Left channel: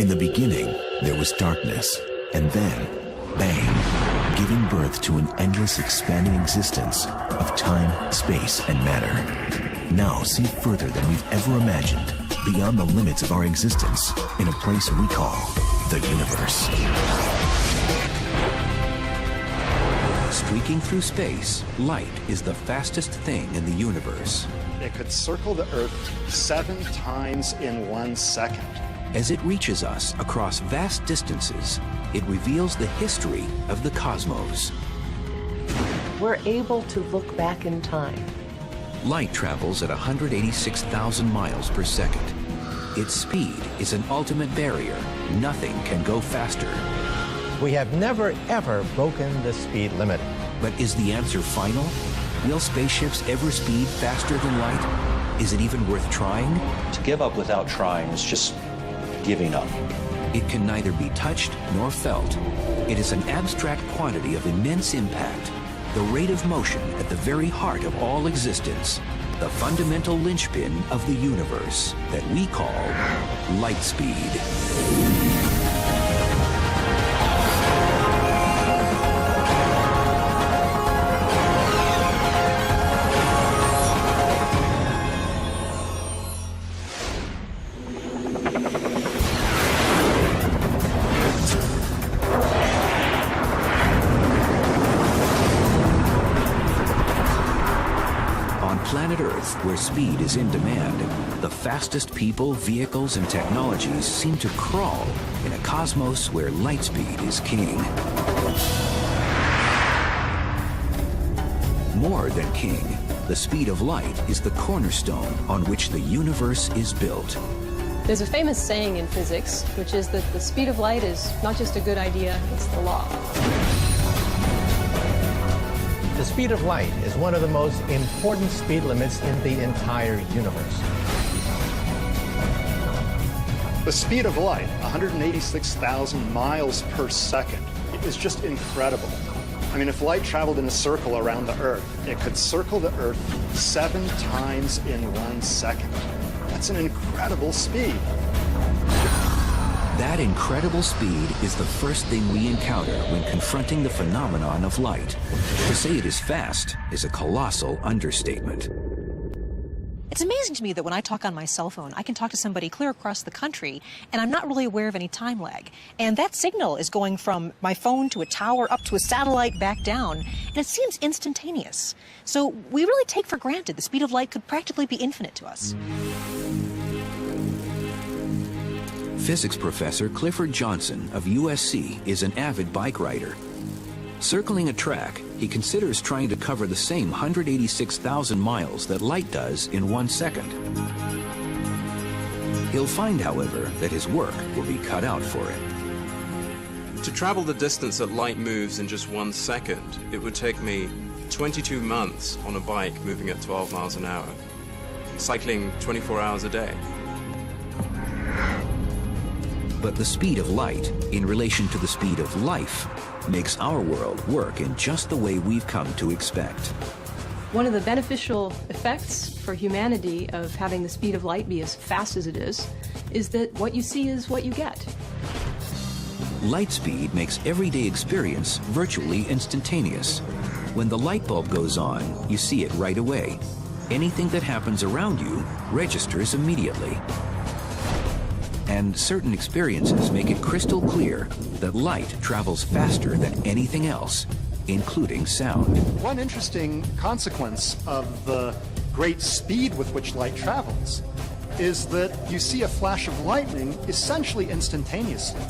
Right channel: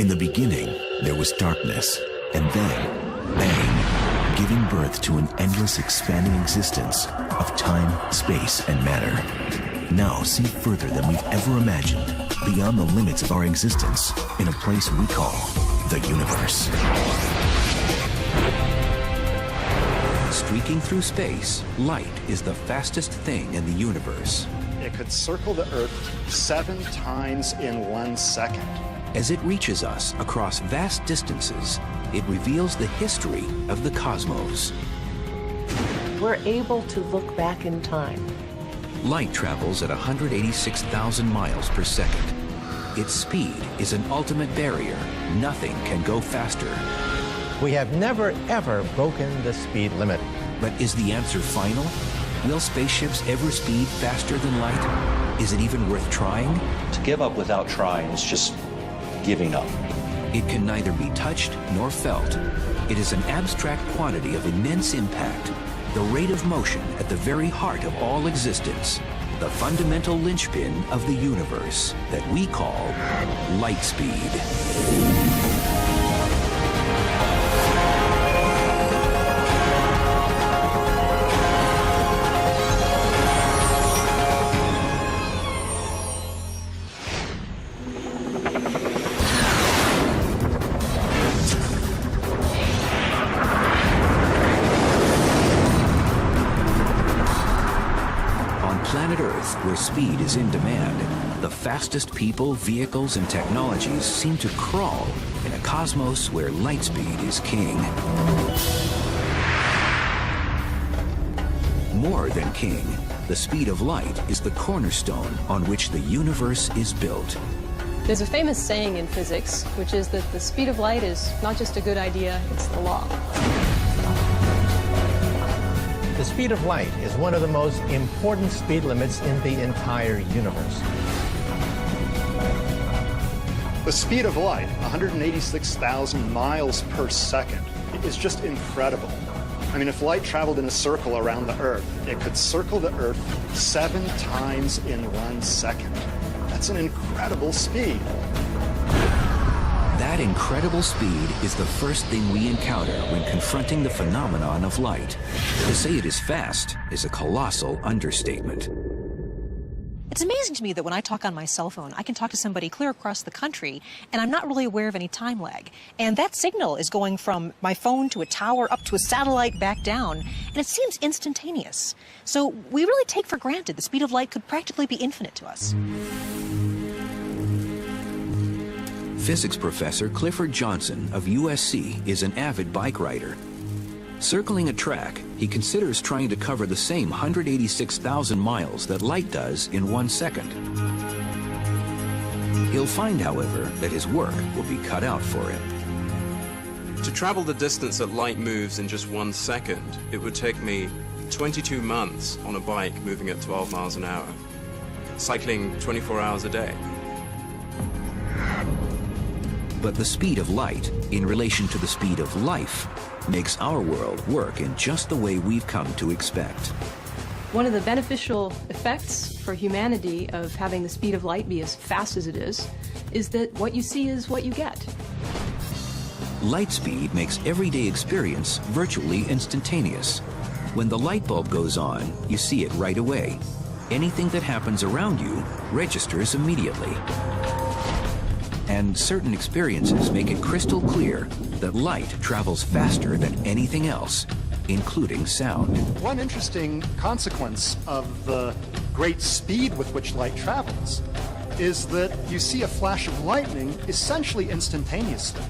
In the beginning, there was darkness, and then, bang, giving birth to an endless expanding existence of time, space, and matter. Now see further than we've ever imagined, beyond the limits of our existence, in a place we call the universe. Streaking through space, light is the fastest thing in the universe. It could circle the Earth 7 times in 1 second. As it reaches us across vast distances, it reveals the history of the cosmos. We're able to look back in time. Light travels at 186,000 miles per second. Its speed is an ultimate barrier. Nothing can go faster. We have never, ever broken the speed limit. But is the answer final? Will spaceships ever speed faster than light? Is it even worth trying? To give up without trying is just giving up. It can neither be touched nor felt. It is an abstract quantity of immense impact, the rate of motion at the very heart of all existence, the fundamental linchpin of the universe that we call light speed. Where speed is in demand, the fastest people, vehicles, and technologies seem to crawl in a cosmos where light speed is king. More than king, the speed of light is the cornerstone on which the universe is built. There's a famous saying in physics, which is that the speed of light is not just a good idea, it's the law. The speed of light is one of the most important speed limits in the entire universe. The speed of light, 186,000 miles per second, it is just incredible. I mean, if light traveled in a circle around the Earth, it could circle the Earth 7 times in 1 second. That's an incredible speed. That incredible speed is the first thing we encounter when confronting the phenomenon of light. To say it is fast is a colossal understatement. It's amazing to me that when I talk on my cell phone, I can talk to somebody clear across the country, and I'm not really aware of any time lag. And that signal is going from my phone to a tower, up to a satellite, back down, and it seems instantaneous. So we really take for granted the speed of light could practically be infinite to us. Physics professor Clifford Johnson of USC is an avid bike rider. Circling a track, he considers trying to cover the same 186,000 miles that light does in 1 second. He'll find, however, that his work will be cut out for it. To travel the distance that light moves in just 1 second, it would take me 22 months on a bike moving at 12 miles an hour, cycling 24 hours a day. But the speed of light, in relation to the speed of life, makes our world work in just the way we've come to expect. One of the beneficial effects for humanity of having the speed of light be as fast as it is that what you see is what you get. Light speed makes everyday experience virtually instantaneous. When the light bulb goes on, you see it right away. Anything that happens around you registers immediately. And certain experiences make it crystal clear that light travels faster than anything else, including sound. One interesting consequence of the great speed with which light travels is that you see a flash of lightning essentially instantaneously,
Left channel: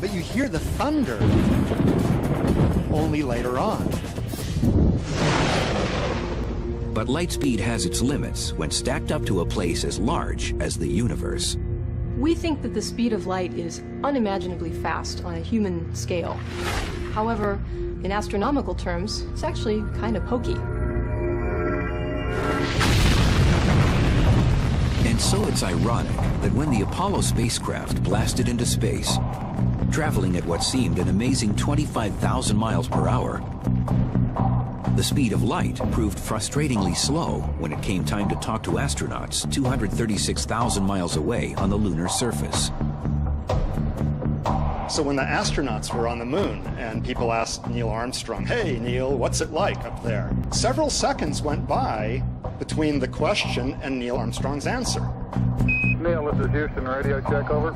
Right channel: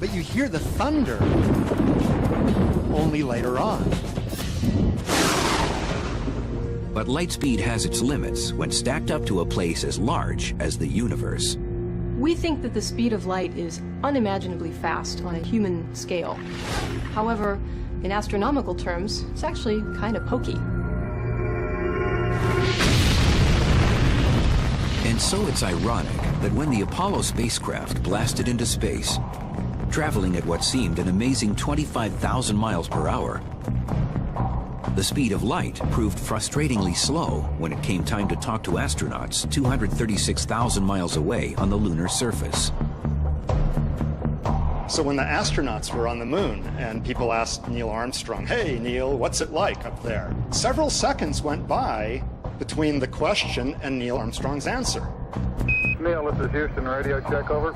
but you hear the thunder only later on. But light speed has its limits when stacked up to a place as large as the universe. We think that the speed of light is unimaginably fast on a human scale. However, in astronomical terms, it's actually kind of pokey. And so it's ironic that when the Apollo spacecraft blasted into space, traveling at what seemed an amazing 25,000 miles per hour, the speed of light proved frustratingly slow when it came time to talk to astronauts 236,000 miles away on the lunar surface. So when the astronauts were on the moon and people asked Neil Armstrong, "Hey, Neil, what's it like up there?" Several seconds went by between the question and Neil Armstrong's answer. Neil, this is Houston, radio check, over.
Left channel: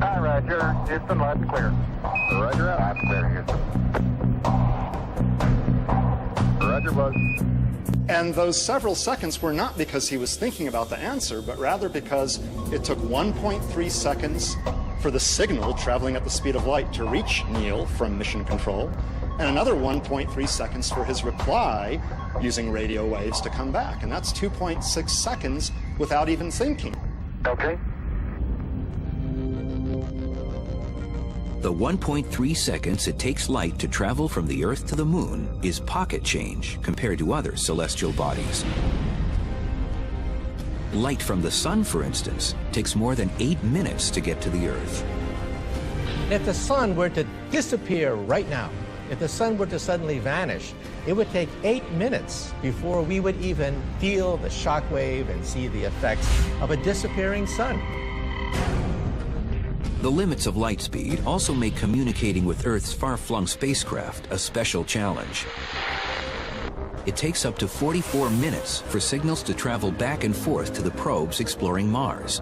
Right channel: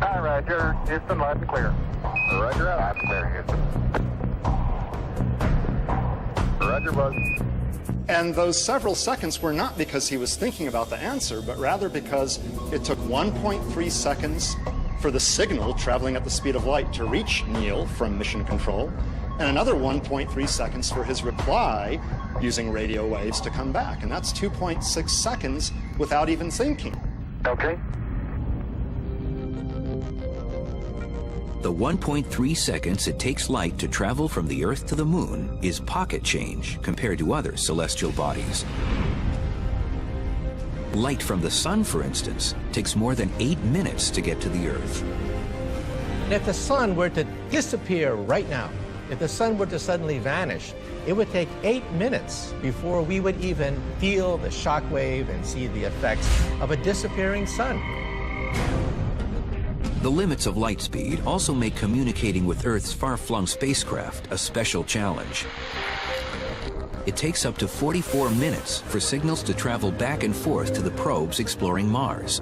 Hi, Roger. Houston, live clear. Roger, live clear, Houston. Roger, bud. And those several seconds were not because he was thinking about the answer, but rather because it took 1.3 seconds for the signal traveling at the speed of light to reach Neil from mission control, and another 1.3 seconds for his reply using radio waves to come back. And that's 2.6 seconds without even thinking. Okay. The 1.3 seconds it takes light to travel from the Earth to the Moon is pocket change compared to other celestial bodies. Light from the Sun, for instance, takes more than 8 minutes to get to the Earth. And if the sun were to disappear right now, if the sun were to suddenly vanish, it would take 8 minutes before we would even feel the shock wave and see the effects of a disappearing sun. The limits of light speed also make communicating with Earth's far-flung spacecraft a special challenge. It takes up to 44 minutes for signals to travel back and forth to the probes exploring Mars,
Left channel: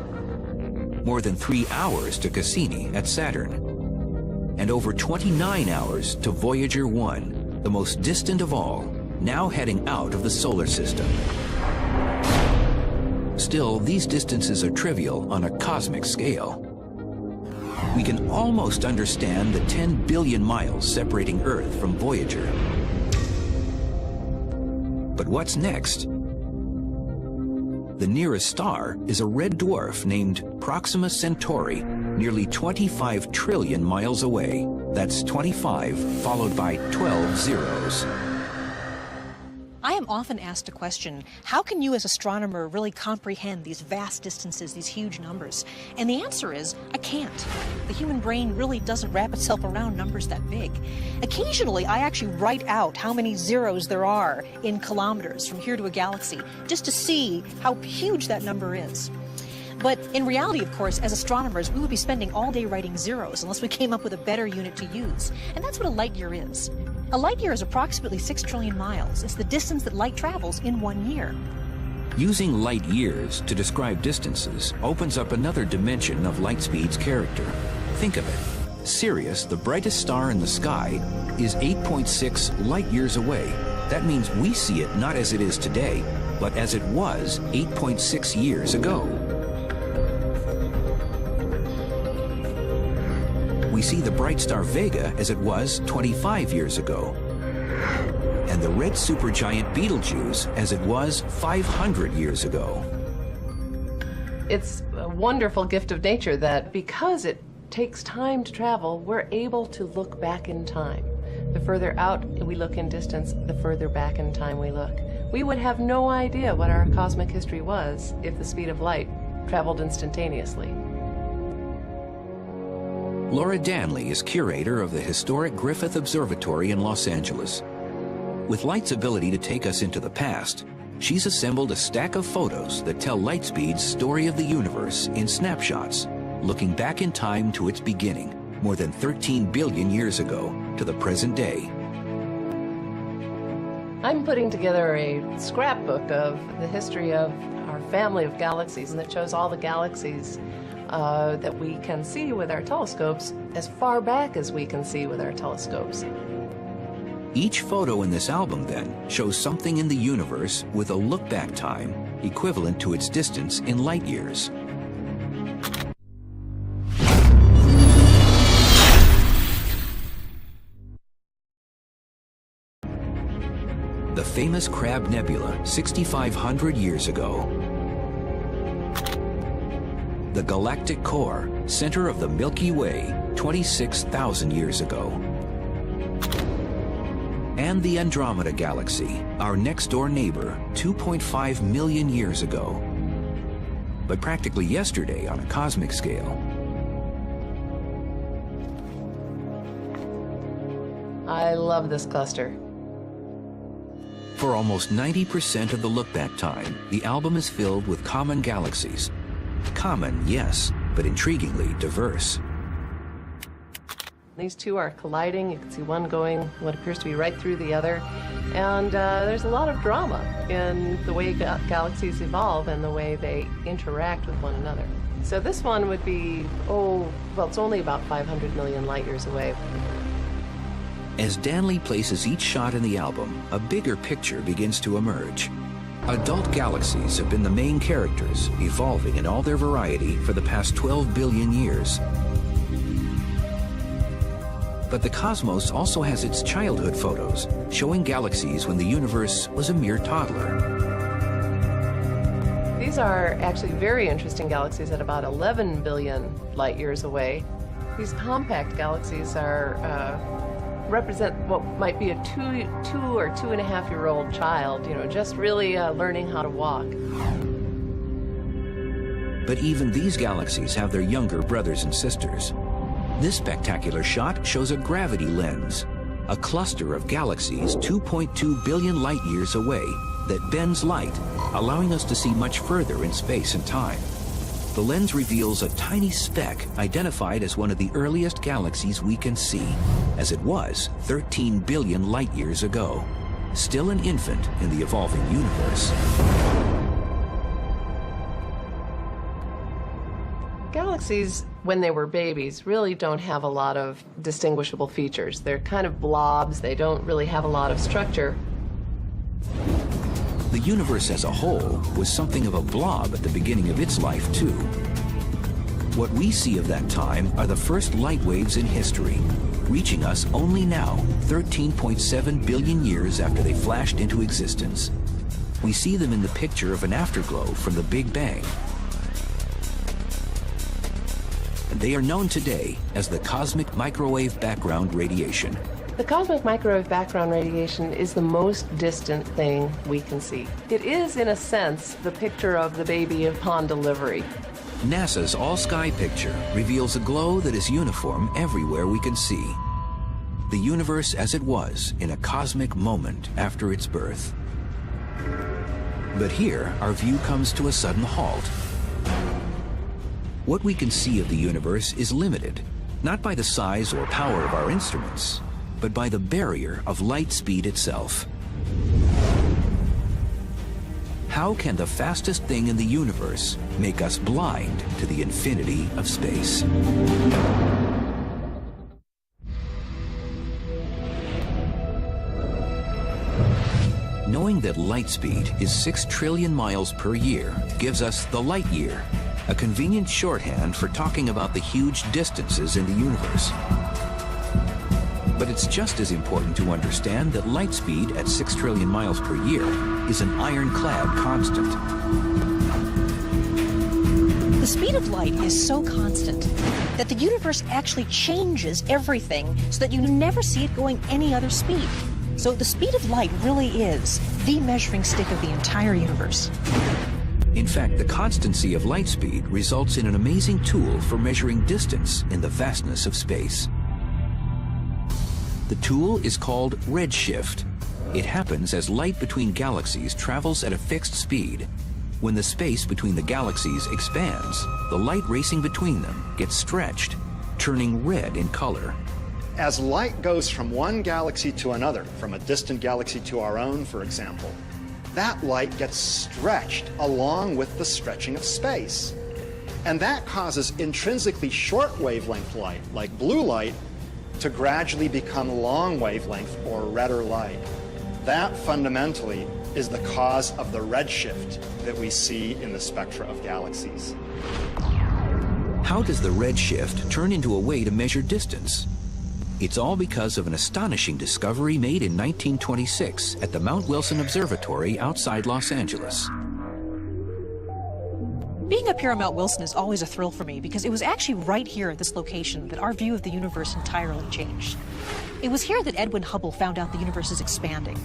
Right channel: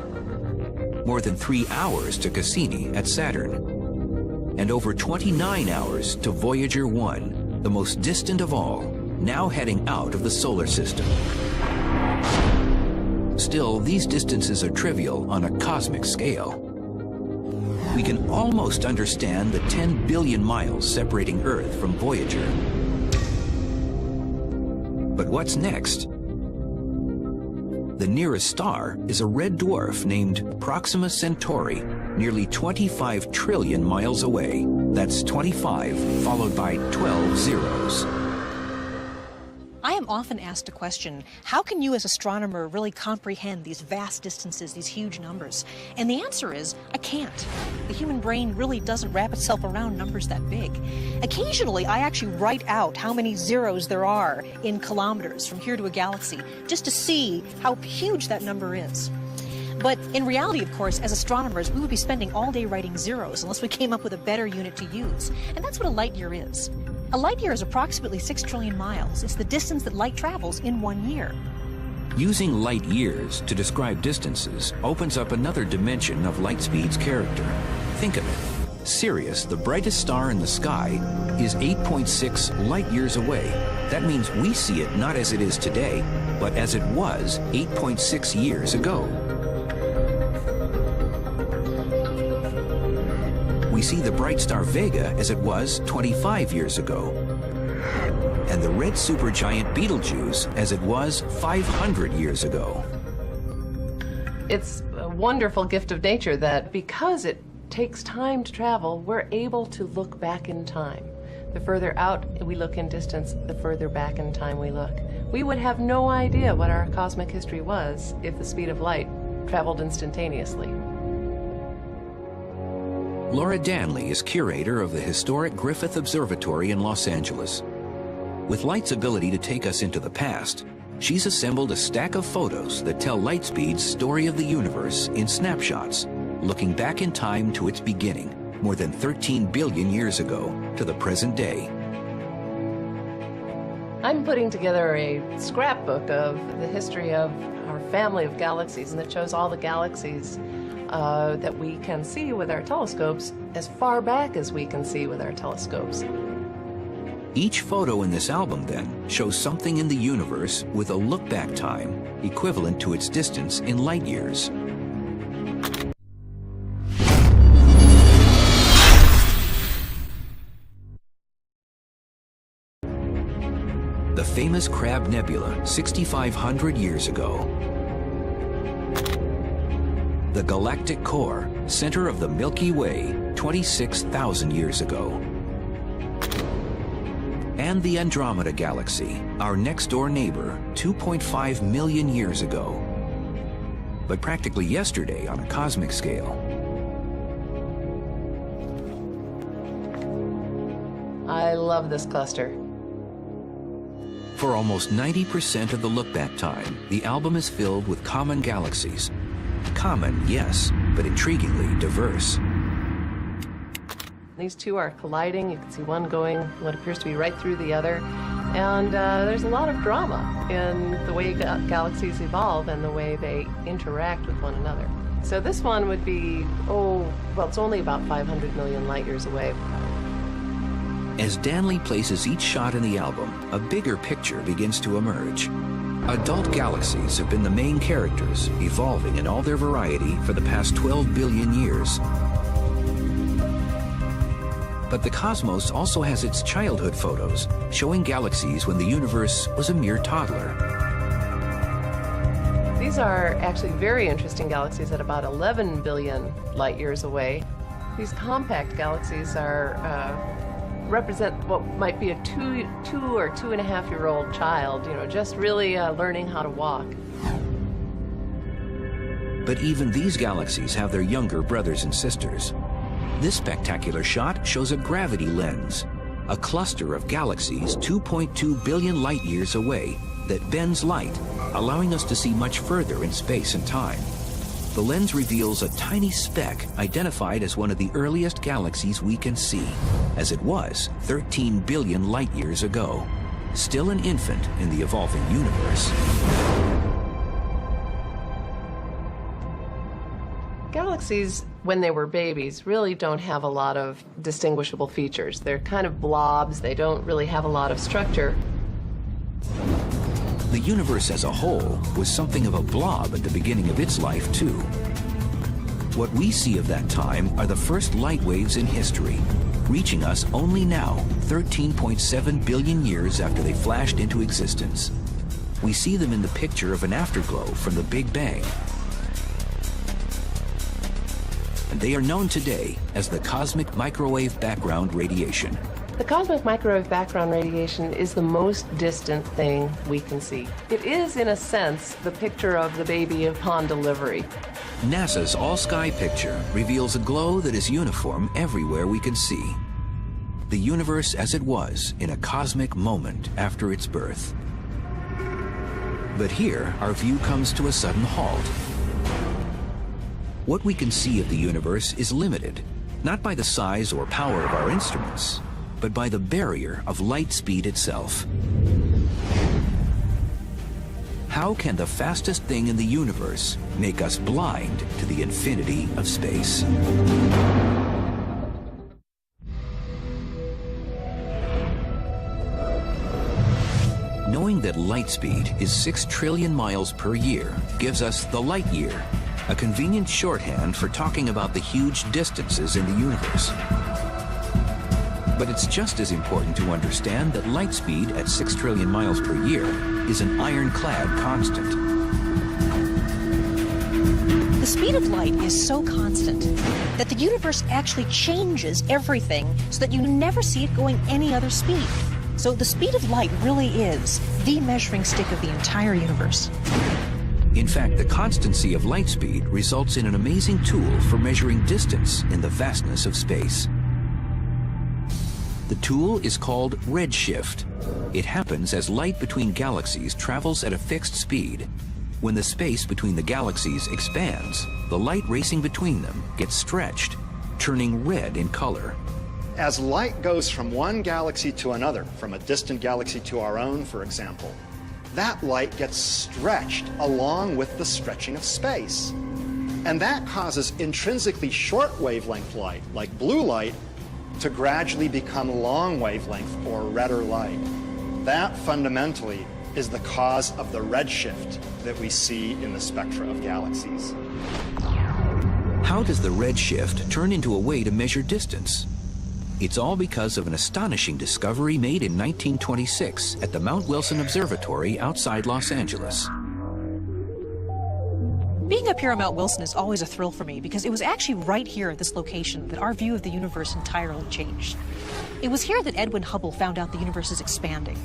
more than 3 hours to Cassini at Saturn, and over 29 hours to Voyager 1, the most distant of all, now heading out of the solar system. Still, these distances are trivial on a cosmic scale. We can almost understand the 10 billion miles separating Earth from Voyager. But what's next? The nearest star is a red dwarf named Proxima Centauri, nearly 25 trillion miles away. That's 25 followed by 12 zeros. I am often asked a question, how can you as an astronomer really comprehend these vast distances, these huge numbers? And the answer is, I can't. The human brain really doesn't wrap itself around numbers that big. Occasionally, I actually write out how many zeros there are in kilometers from here to a galaxy, just to see how huge that number is. But in reality, of course, as astronomers, we would be spending all day writing zeros unless we came up with a better unit to use. And that's what a light year is. A light year is approximately 6 trillion miles. It's the distance that light travels in 1 year. Using light years to describe distances opens up another dimension of light speed's character. Think of it. Sirius, the brightest star in the sky, is 8.6 light years away. That means we see it not as it is today, but as it was 8.6 years ago. We see the bright star Vega as it was 25 years ago, and the red supergiant Betelgeuse as it was 500 years ago. It's a wonderful gift of nature that because it takes time to travel, we're able to look back in time. The further out we look in distance, the further back in time we look. We would have no idea what our cosmic history was if the speed of light traveled instantaneously. Laura Danley is curator of the historic Griffith Observatory in Los Angeles. With light's ability to take us into the past, she's assembled a stack of photos that tell light speed's story of the universe in snapshots, looking back in time to its beginning, more than 13 billion years ago, to the present day. I'm putting together a scrapbook of the history of our family of galaxies, and that shows all the galaxies that we can see with our telescopes as far back as we can see with our telescopes. Each photo in this album, then, shows something in the universe with a look-back time equivalent to its distance in light years. The famous Crab Nebula, 6,500 years ago. The galactic core, center of the Milky Way, 26,000 years ago. And the Andromeda Galaxy, our next-door neighbor, 2.5 million years ago. But practically yesterday on a cosmic scale. I love this cluster. For almost 90% of the look-back time, the album is filled with common galaxies. Common, yes, but intriguingly diverse. These two are colliding. You can see one going what appears to be right through the other. And there's a lot of drama in the way galaxies evolve and the way they interact with one another. So this one would be, it's only about 500 million light years away. As Danley places each shot in the album, a bigger picture begins to emerge. Adult galaxies have been the main characters, evolving in all their variety for the past 12 billion years. But the cosmos also has its childhood photos, showing galaxies when the universe was a mere toddler. These are actually very interesting galaxies at about 11 billion light years away. These compact galaxies represent what might be a two or 2.5-year-old child, just really learning how to walk. But even these galaxies have their younger brothers and sisters. This spectacular shot shows a gravity lens, a cluster of galaxies 2.2 billion light years away that bends light, allowing us to see much further in space and time. The lens reveals a tiny speck identified as one of the earliest galaxies we can see, as it was 13 billion light years ago, still an infant in the evolving universe. Galaxies, when they were babies, really don't have a lot of distinguishable features. They're kind of blobs. They don't really have a lot of structure. The universe as a whole was something of a blob at the beginning of its life, too. What we see of that time are the first light waves in history, reaching us only now, 13.7 billion years after they flashed into existence. We see them in the picture of an afterglow from the Big Bang. And they are known today as the cosmic microwave background radiation. The cosmic microwave background radiation is the most distant thing we can see. It is, in a sense, the picture of the baby upon delivery. NASA's all-sky picture reveals a glow that is uniform everywhere we can see. The universe as it was in a cosmic moment after its birth. But here, our view comes to a sudden halt. What we can see of the universe is limited, not by the size or power of our instruments, but by the barrier of light speed itself. How can the fastest thing in the universe make us blind to the infinity of space? Knowing that light speed is 6 trillion miles per year gives us the light year, a convenient shorthand for talking about the huge distances in the universe. But it's just as important to understand that light speed at 6 trillion miles per year is an ironclad constant. The speed of light is so constant that the universe actually changes everything so that you never see it going any other speed. So the speed of light really is the measuring stick of the entire universe. In fact, the constancy of light speed results in an amazing tool for measuring distance in the vastness of space. The tool is called redshift. It happens as light between galaxies travels at a fixed speed. When the space between the galaxies expands, the light racing between them gets stretched, turning red in color. As light goes from one galaxy to another, from a distant galaxy to our own, for example, that light gets stretched along with the stretching of space. And that causes intrinsically short wavelength light, like blue light, to gradually become long wavelength or redder light. That fundamentally is the cause of the redshift that we see in the spectra of galaxies. How does the redshift turn into a way to measure distance? It's all because of an astonishing discovery made in 1926 at the Mount Wilson Observatory outside Los Angeles. Being up here on Mount Wilson is always a thrill for me because it was actually right here at this location that our view of the universe entirely changed. It was here that Edwin Hubble found out the universe is expanding.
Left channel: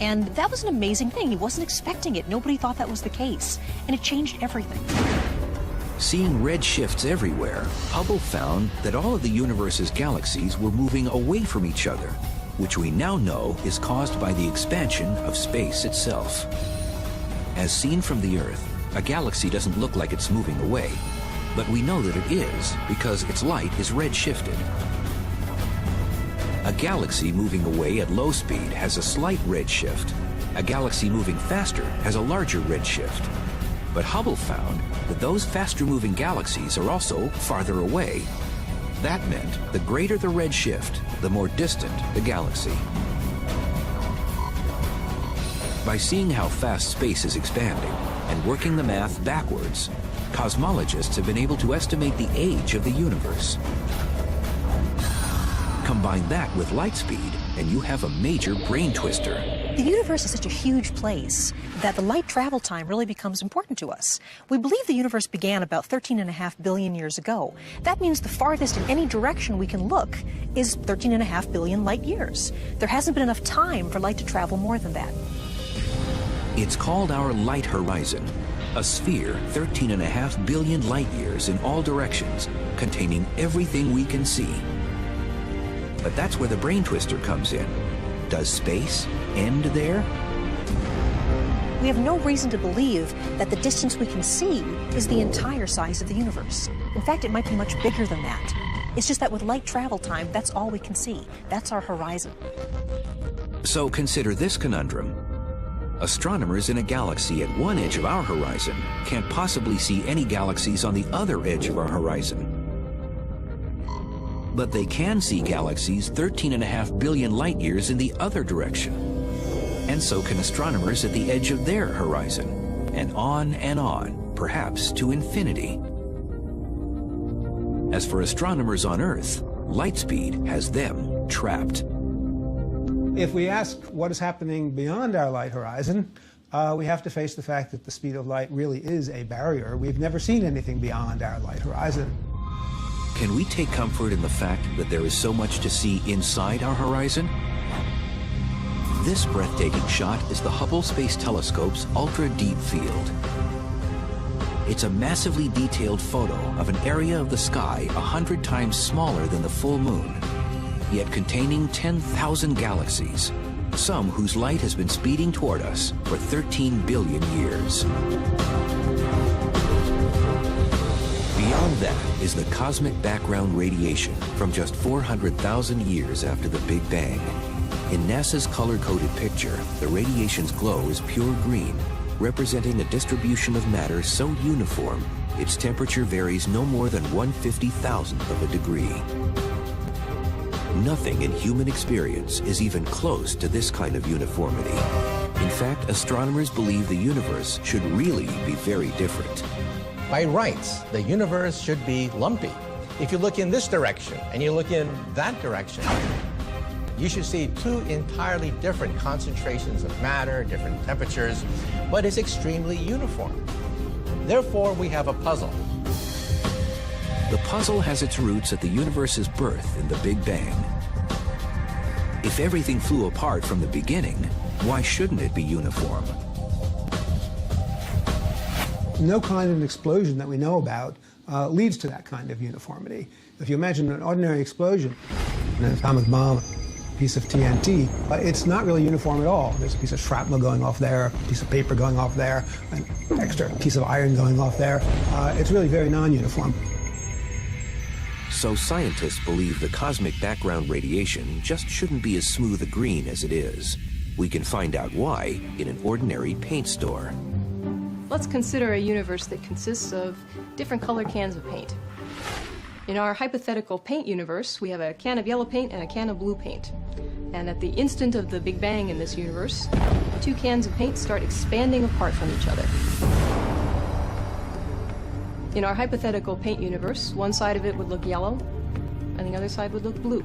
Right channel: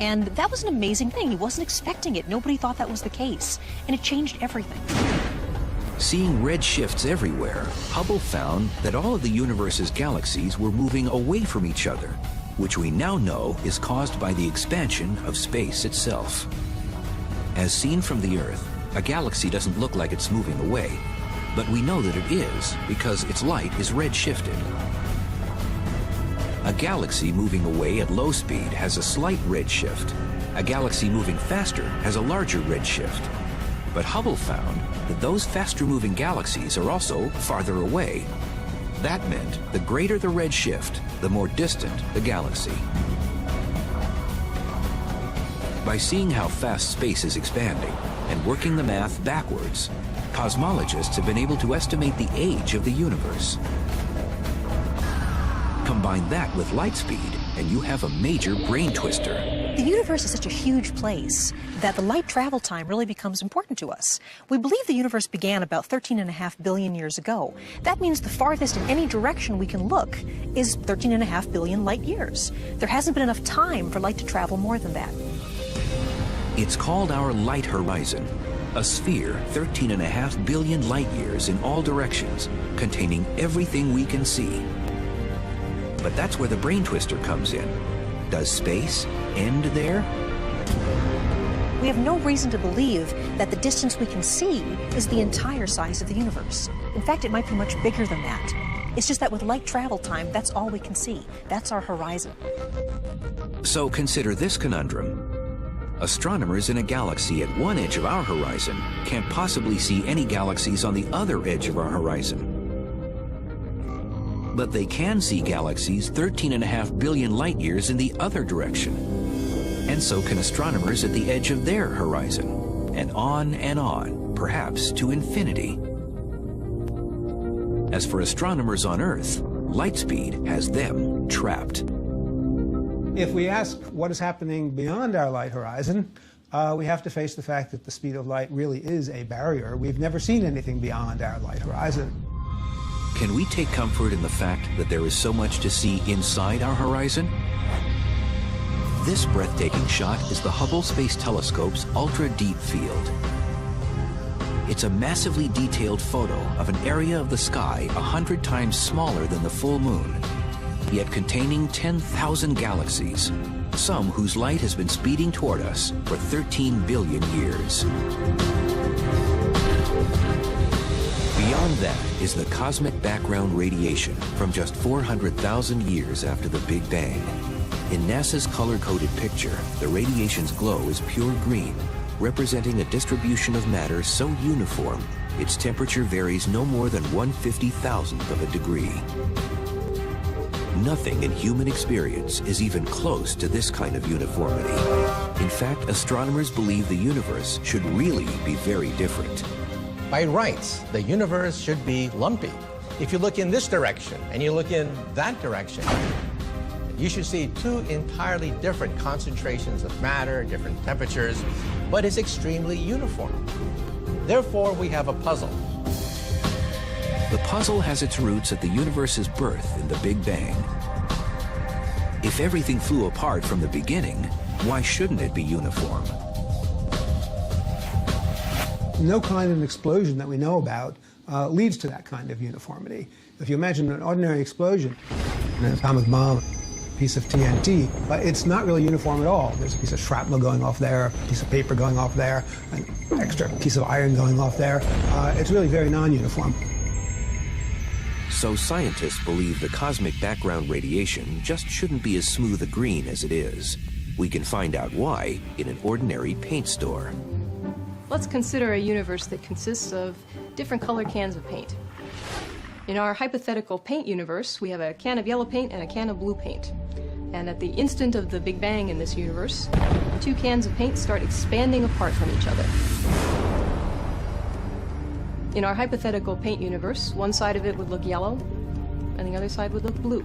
And that was an amazing thing. He wasn't expecting it. Nobody thought that was the case. And it changed everything. Seeing redshifts everywhere, Hubble found that all of the universe's galaxies were moving away from each other, which we now know is caused by the expansion of space itself. As seen from the Earth, a galaxy doesn't look like it's moving away. But we know that it is because its light is redshifted. A galaxy moving away at low speed has a slight redshift. A galaxy moving faster has a larger redshift. But Hubble found that those faster-moving galaxies are also farther away. That meant the greater the redshift, the more distant the galaxy. By seeing how fast space is expanding and working the math backwards, cosmologists have been able to estimate the age of the universe. Combine that with light speed, and you have a major brain twister. The universe is such a huge place that the light travel time really becomes important to us. We believe the universe began about 13.5 billion years ago. That means the farthest in any direction we can look is 13.5 billion light years. There hasn't been enough time for light to travel more than that. It's called our light horizon, a sphere 13.5 billion light years in all directions, containing everything we can see. But that's where the brain twister comes in. Does space end there? We have no reason to believe that the distance we can see is the entire size of the universe. In fact, it might be much bigger than that. It's just that with light travel time, that's all we can see. That's our horizon. So consider this conundrum. Astronomers in a galaxy at one edge of our horizon can't possibly see any galaxies on the other edge of our horizon. But they can see galaxies 13.5 billion light years in the other direction. And so can astronomers at the edge of their horizon. And on, perhaps to infinity. As for astronomers on Earth, light speed has them trapped. If we ask what is happening beyond our light horizon, we have to face the fact that the speed of light really is a barrier. We've never seen anything beyond our light horizon. Can we take comfort in the fact that there is so much to see inside our horizon? This breathtaking shot is the Hubble Space Telescope's ultra-deep field. It's a massively detailed photo of an area of the sky 100 times smaller than the full moon, yet containing 10,000 galaxies, some whose light has been speeding toward us for 13 billion years. Beyond that is the cosmic background radiation from just 400,000 years after the Big Bang. In NASA's color-coded picture, the radiation's glow is pure green, representing a distribution of matter so uniform, its temperature varies no more than 1/50,000th of a degree. Nothing in human experience is even close to this kind of uniformity. In fact, astronomers believe the universe should really be very different. By rights, the universe should be lumpy. If you look in this direction and you look in that direction, you should see two entirely different concentrations of matter, different temperatures, but it's extremely uniform. Therefore, we have a puzzle. The puzzle has its roots at the universe's birth in the Big Bang. If everything flew apart from the beginning, why shouldn't it be uniform? No kind of explosion that we know about leads to that kind of uniformity. If you imagine an ordinary explosion, an atomic bomb, a piece of TNT, but it's not really uniform at all. There's a piece of shrapnel going off there, a piece of paper going off there, an extra piece of iron going off there. It's really very non-uniform. So scientists believe the cosmic background radiation just shouldn't be as smooth a green as it is. We can find out why in an ordinary paint store. Let's consider a universe that consists of different color cans of paint. In our hypothetical paint universe, we have a can of yellow paint and a can of blue paint. And at the instant of the Big Bang in this universe, two cans of paint start expanding apart from each other. In our hypothetical paint universe, one side of it would look yellow, and the other side would look blue.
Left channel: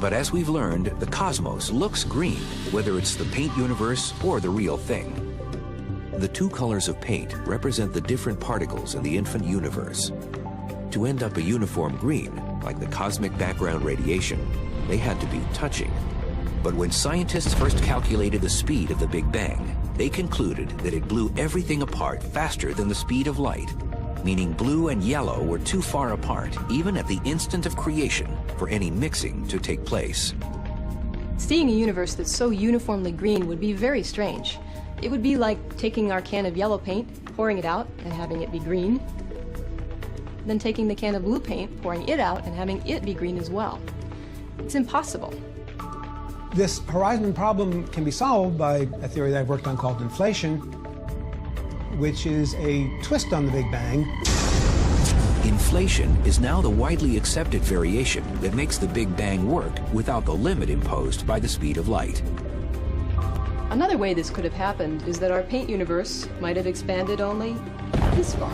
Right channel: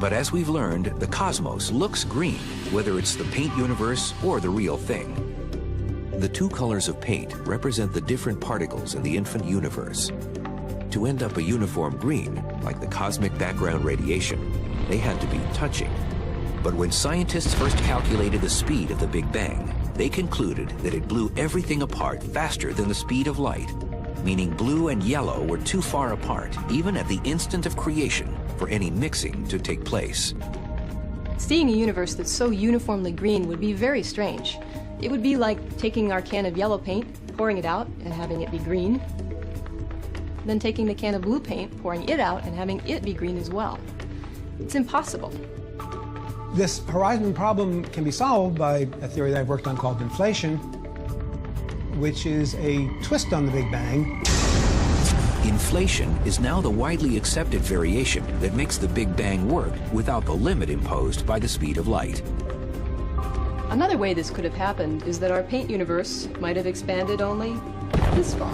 But as we've learned, the cosmos looks green, whether it's the paint universe or the real thing. The two colors of paint represent the different particles in the infant universe. To end up a uniform green, like the cosmic background radiation, they had to be touching. But when scientists first calculated the speed of the Big Bang, they concluded that it blew everything apart faster than the speed of light, meaning blue and yellow were too far apart, even at the instant of creation, for any mixing to take place. Seeing a universe that's so uniformly green would be very strange. It would be like taking our can of yellow paint, pouring it out, and having it be green. then taking the can of blue paint, pouring it out, and having it be green as well. It's impossible. This horizon problem can be solved by a theory that I've worked on called inflation, which is a twist on the Big Bang. Inflation is now the widely accepted variation that makes the Big Bang work without the limit imposed by the speed of light. Another way this could have happened is that our paint universe might have expanded only this far.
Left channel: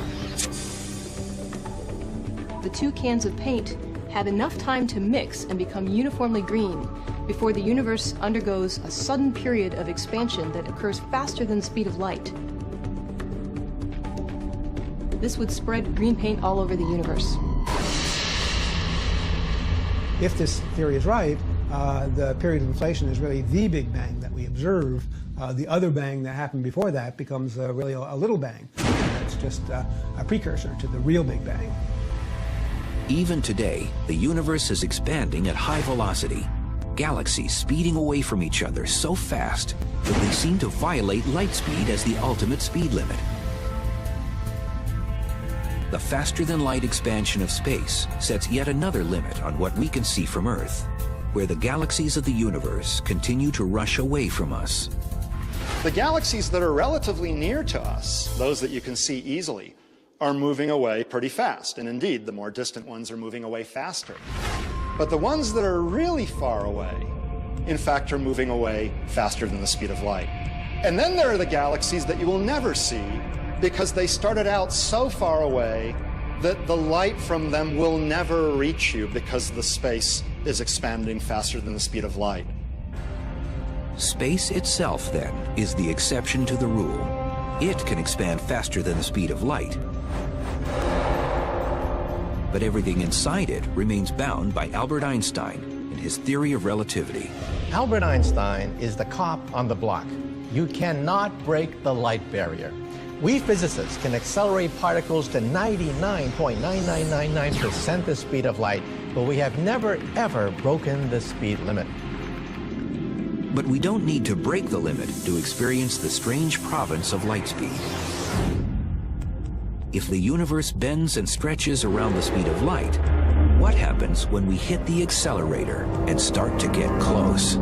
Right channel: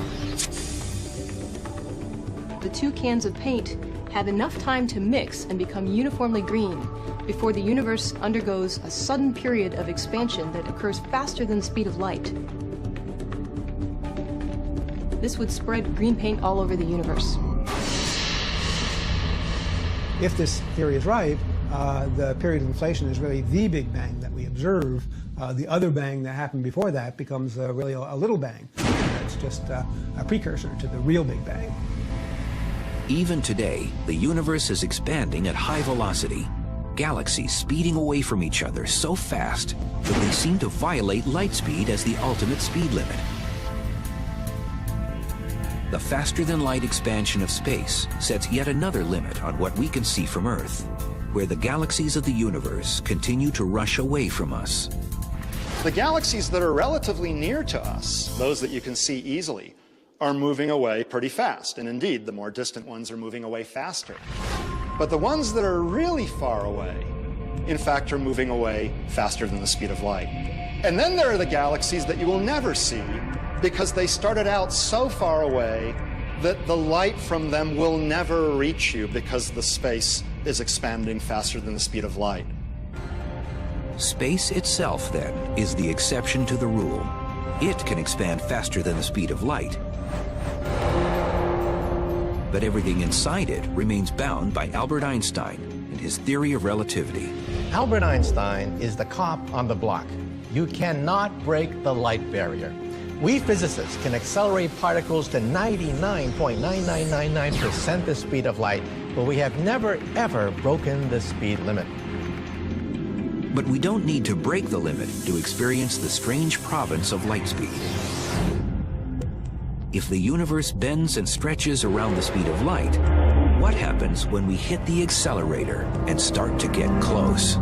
The two cans of paint had enough time to mix and become uniformly green before the universe undergoes a sudden period of expansion that occurs faster than the speed of light. This would spread green paint all over the universe. If this theory is right, the period of inflation is really the Big Bang that we observe. The other bang that happened before that becomes really a little bang. It's just a precursor to the real Big Bang. Even today, the universe is expanding at high velocity. Galaxies speeding away from each other so fast that they seem to violate light speed as the ultimate speed limit. The faster-than-light expansion of space sets yet another limit on what we can see from Earth, where the galaxies of the universe continue to rush away from us. The galaxies that are relatively near to us, those that you can see easily, are moving away pretty fast. And indeed, the more distant ones are moving away faster. But the ones that are really far away, in fact, are moving away faster than the speed of light. And then there are the galaxies that you will never see because they started out so far away that the light from them will never reach you because the space is expanding faster than the speed of light. Space itself, then, is the exception to the rule. It can expand faster than the speed of light. But everything inside it remains bound by Albert Einstein and his theory of relativity. Albert Einstein is the cop on the block. You cannot break the light barrier. We physicists can accelerate particles to 99.9999% the speed of light, but we have never, ever broken the speed limit. But we don't need to break the limit to experience the strange province of light speed. If the universe bends and stretches around the speed of light, what happens when we hit the accelerator and start to get close?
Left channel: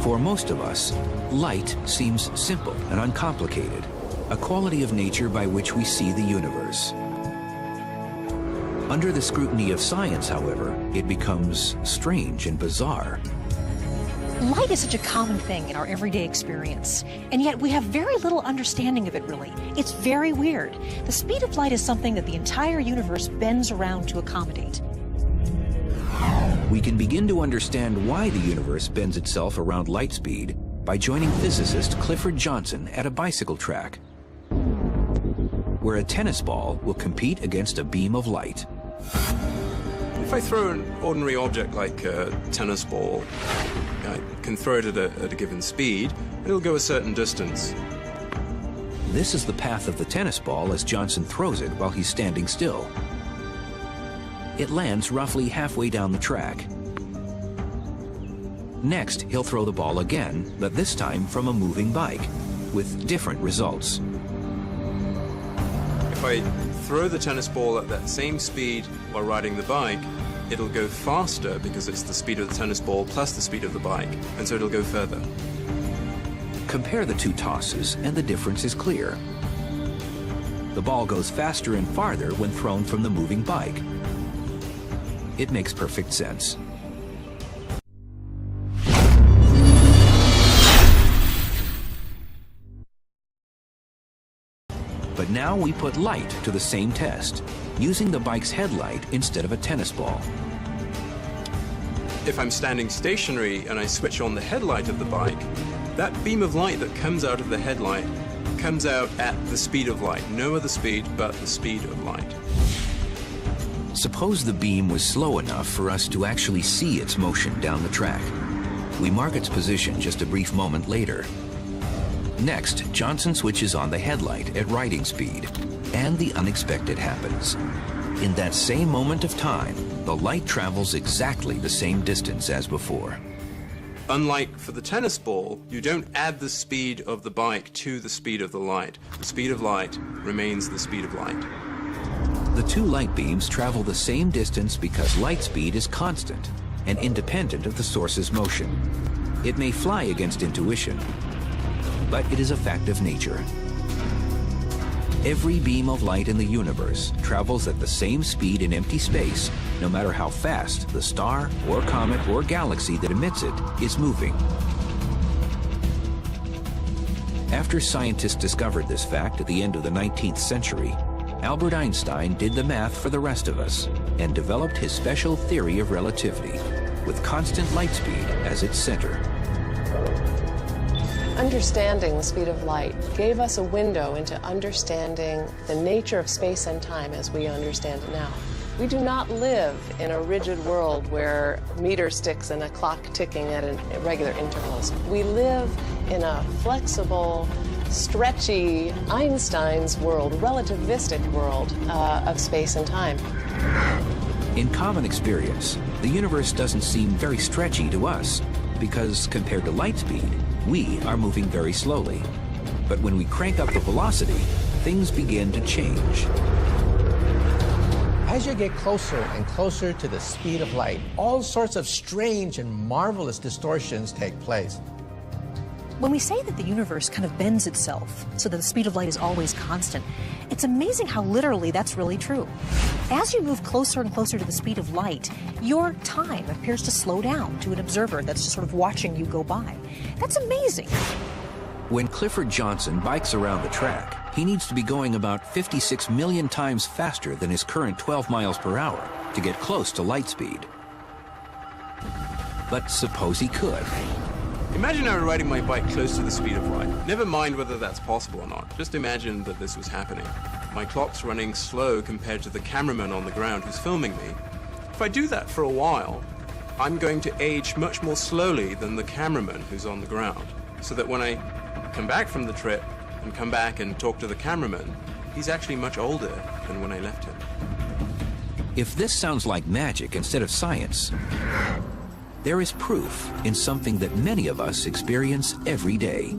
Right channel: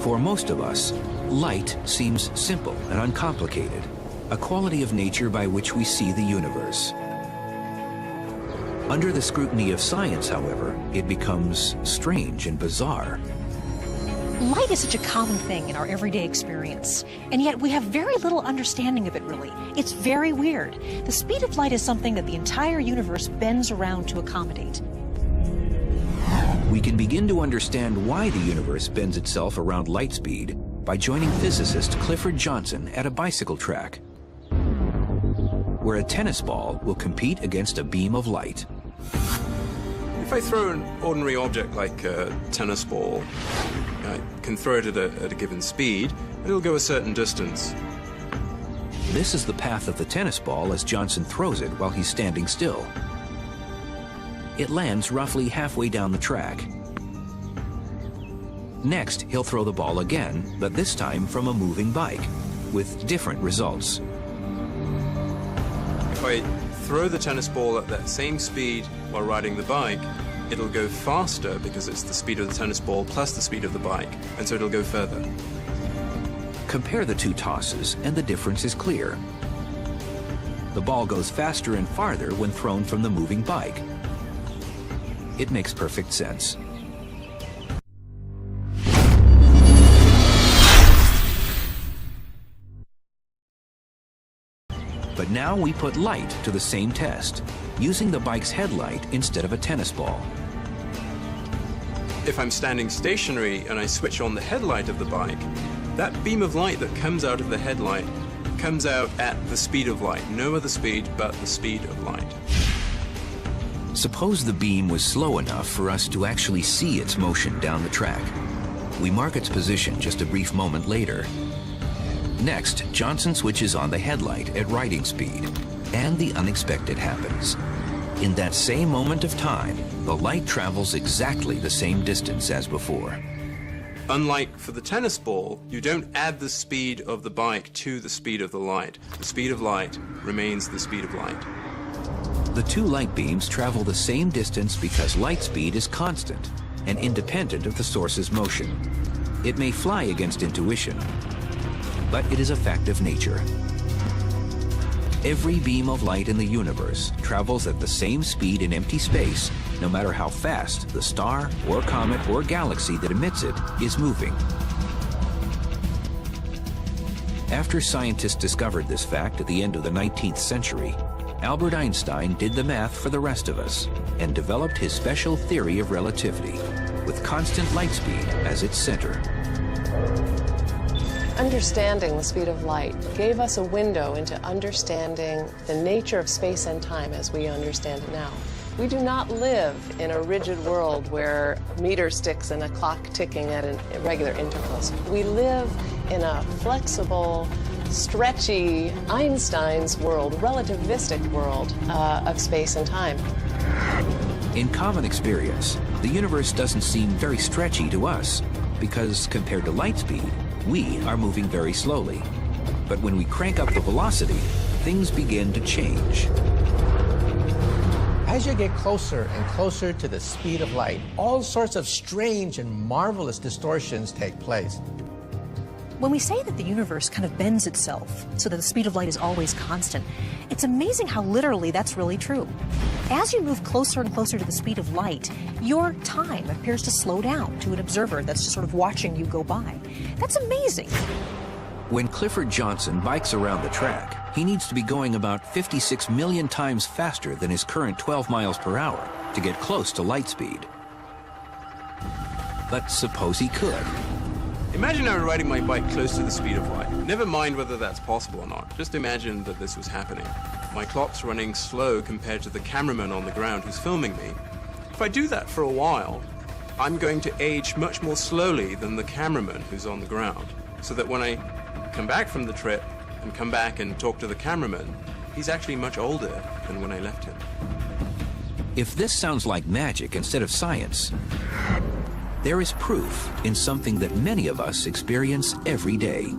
For most of us, light seems simple and uncomplicated, a quality of nature by which we see the universe. Under the scrutiny of science, however, it becomes strange and bizarre. Light is such a common thing in our everyday experience, and yet we have very little understanding of it, really. It's very weird. The speed of light is something that the entire universe bends around to accommodate. We can begin to understand why the universe bends itself around light speed by joining physicist Clifford Johnson at a bicycle track, where a tennis ball will compete against a beam of light. If I throw an ordinary object like a tennis ball, I can throw it at a given speed, it'll go a certain distance. This is the path of the tennis ball as Johnson throws it while he's standing still. It lands roughly halfway down the track. Next, he'll throw the ball again, but this time from a moving bike, with different results. If I throw the tennis ball at that same speed while riding the bike, it'll go faster because it's the speed of the tennis ball plus the speed of the bike, and so it'll go further. Compare the two tosses, and the difference is clear. The ball goes faster and farther when thrown from the moving bike. It makes perfect sense. But now we put light to the same test, using the bike's headlight instead of a tennis ball. If I'm standing stationary and I switch on the headlight of the bike, that beam of light that comes out of the headlight comes out at the speed of light. No other speed but the speed of light. Suppose the beam was slow enough for us to actually see its motion down the track. We mark its position just a brief moment later. Next, Johnson switches on the headlight at riding speed, and the unexpected happens. In that same moment of time, the light travels exactly the same distance as before. Unlike for the tennis ball, you don't add the speed of the bike to the speed of the light. The speed of light remains the speed of light. The two light beams travel the same distance because light speed is constant and independent of the source's motion. It may fly against intuition, but it is a fact of nature. Every beam of light in the universe travels at the same speed in empty space, no matter how fast the star or comet or galaxy that emits it is moving. After scientists discovered this fact at the end of the 19th century, Albert Einstein did the math for the rest of us and developed his special theory of relativity, with constant light speed as its center. Understanding the speed of light gave us a window into understanding the nature of space and time as we understand it now. We do not live in a rigid world where meter sticks and a clock ticking at regular intervals. We live in a flexible, stretchy, Einstein's world, relativistic world of space and time. In common experience, the universe doesn't seem very stretchy to us because compared to light speed, we are moving very slowly. But when we crank up the velocity, things begin to change. As you get closer and closer to the speed of light, all sorts of strange and marvelous distortions take place. When we say that the universe kind of bends itself so that the speed of light is always constant, it's amazing how literally that's really true. As you move closer and closer to the speed of light, your time appears to slow down to an observer that's just sort of watching you go by. That's amazing. When Clifford Johnson bikes around the track, he needs to be going about 56 million times faster than his current 12 miles per hour to get close to light speed. But suppose he could. Imagine I were riding my bike close to the speed of light. Never mind whether that's possible or not. Just imagine that this was happening. My clock's running slow compared to the cameraman on the ground who's filming me. If I do that for a while, I'm going to age much more slowly than the cameraman who's on the ground. So that when I come back from the trip and come back and talk to the cameraman, he's actually much older than when I left him. If this sounds like magic instead of science, there is proof in something that many of us experience every day.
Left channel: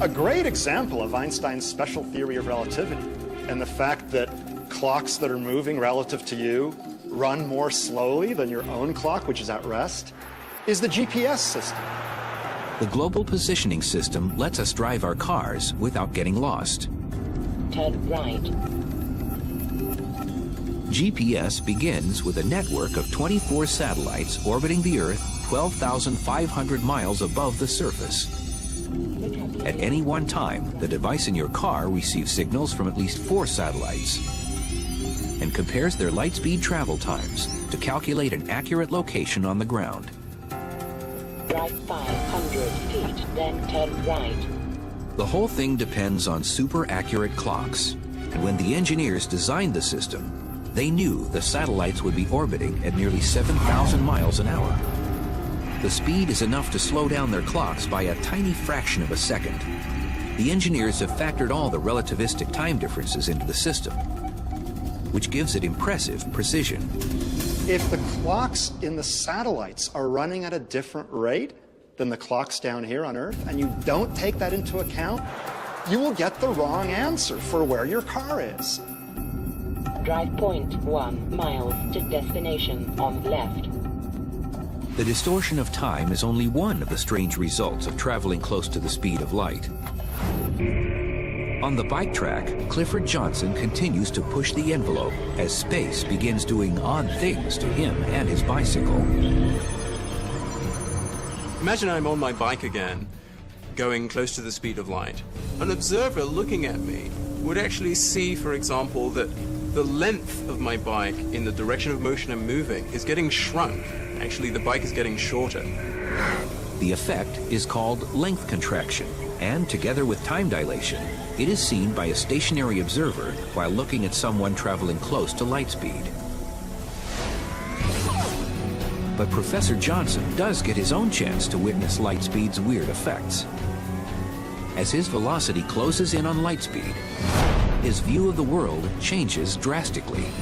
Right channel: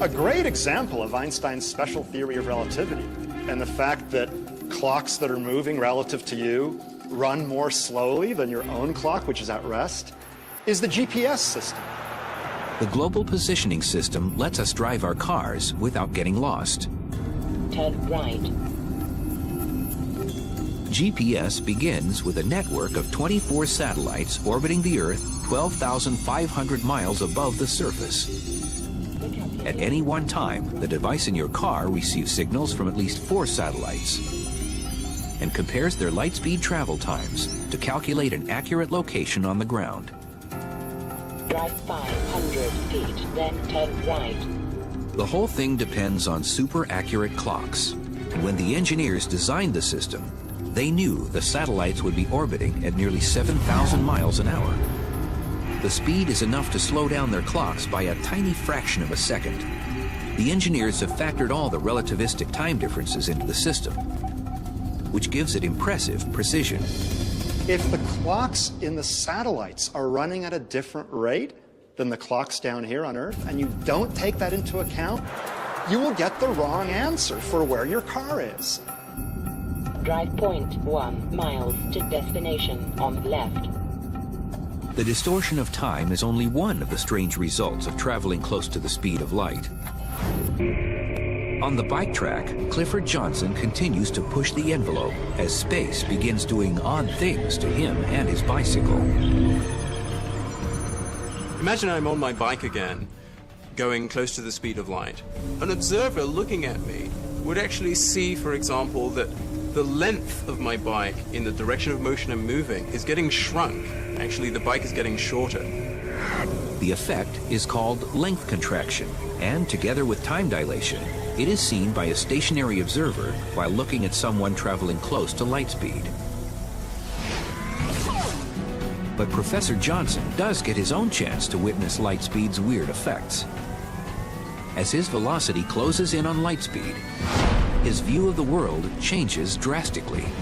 A great example of Einstein's special theory of relativity and the fact that clocks that are moving relative to you run more slowly than your own clock, which is at rest, is the GPS system. The global positioning system lets us drive our cars without getting lost. Turn right. GPS begins with a network of 24 satellites orbiting the Earth 12,500 miles above the surface. At any one time, the device in your car receives signals from at least 4 satellites and compares their light speed travel times to calculate an accurate location on the ground. Drive 500 feet, then turn right. The whole thing depends on super accurate clocks. And when the engineers designed the system, they knew the satellites would be orbiting at nearly 7,000 miles an hour. The speed is enough to slow down their clocks by a tiny fraction of a second. The engineers have factored all the relativistic time differences into the system, which gives it impressive precision. If the clocks in the satellites are running at a different rate than the clocks down here on Earth, and you don't take that into account, you will get the wrong answer for where your car is. Drive 0.1 miles to destination on left. The distortion of time is only one of the strange results of traveling close to the speed of light. On the bike track, Clifford Johnson continues to push the envelope as space begins doing odd things to him and his bicycle. Imagine I'm on my bike again, going close to the speed of light. An observer looking at me would actually see, for example, that the length of my bike in the direction of motion I'm moving is getting shrunk. Actually, the bike is getting shorter. The effect is called length contraction, and together with time dilation, it is seen by a stationary observer while looking at someone traveling close to light speed. But Professor Johnson does get his own chance to witness light speed's weird effects. As his velocity closes in on light speed, his view of the world changes drastically.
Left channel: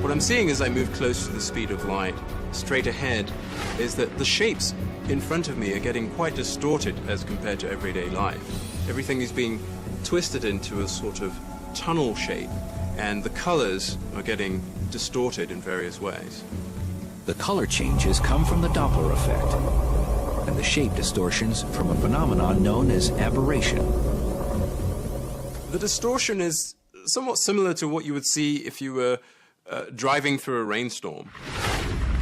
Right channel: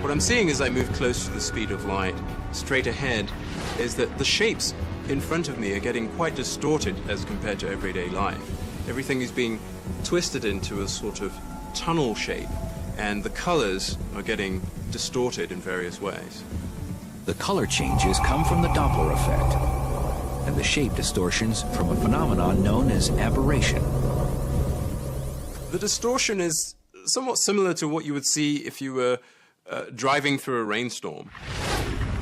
What I'm seeing as I move close to the speed of light, straight ahead, is that the shapes in front of me are getting quite distorted as compared to everyday life. Everything is being twisted into a sort of tunnel shape, and the colors are getting distorted in various ways. The color changes come from the Doppler effect, and the shape distortions from a phenomenon known as aberration. The distortion is somewhat similar to what you would see if you were driving through a rainstorm.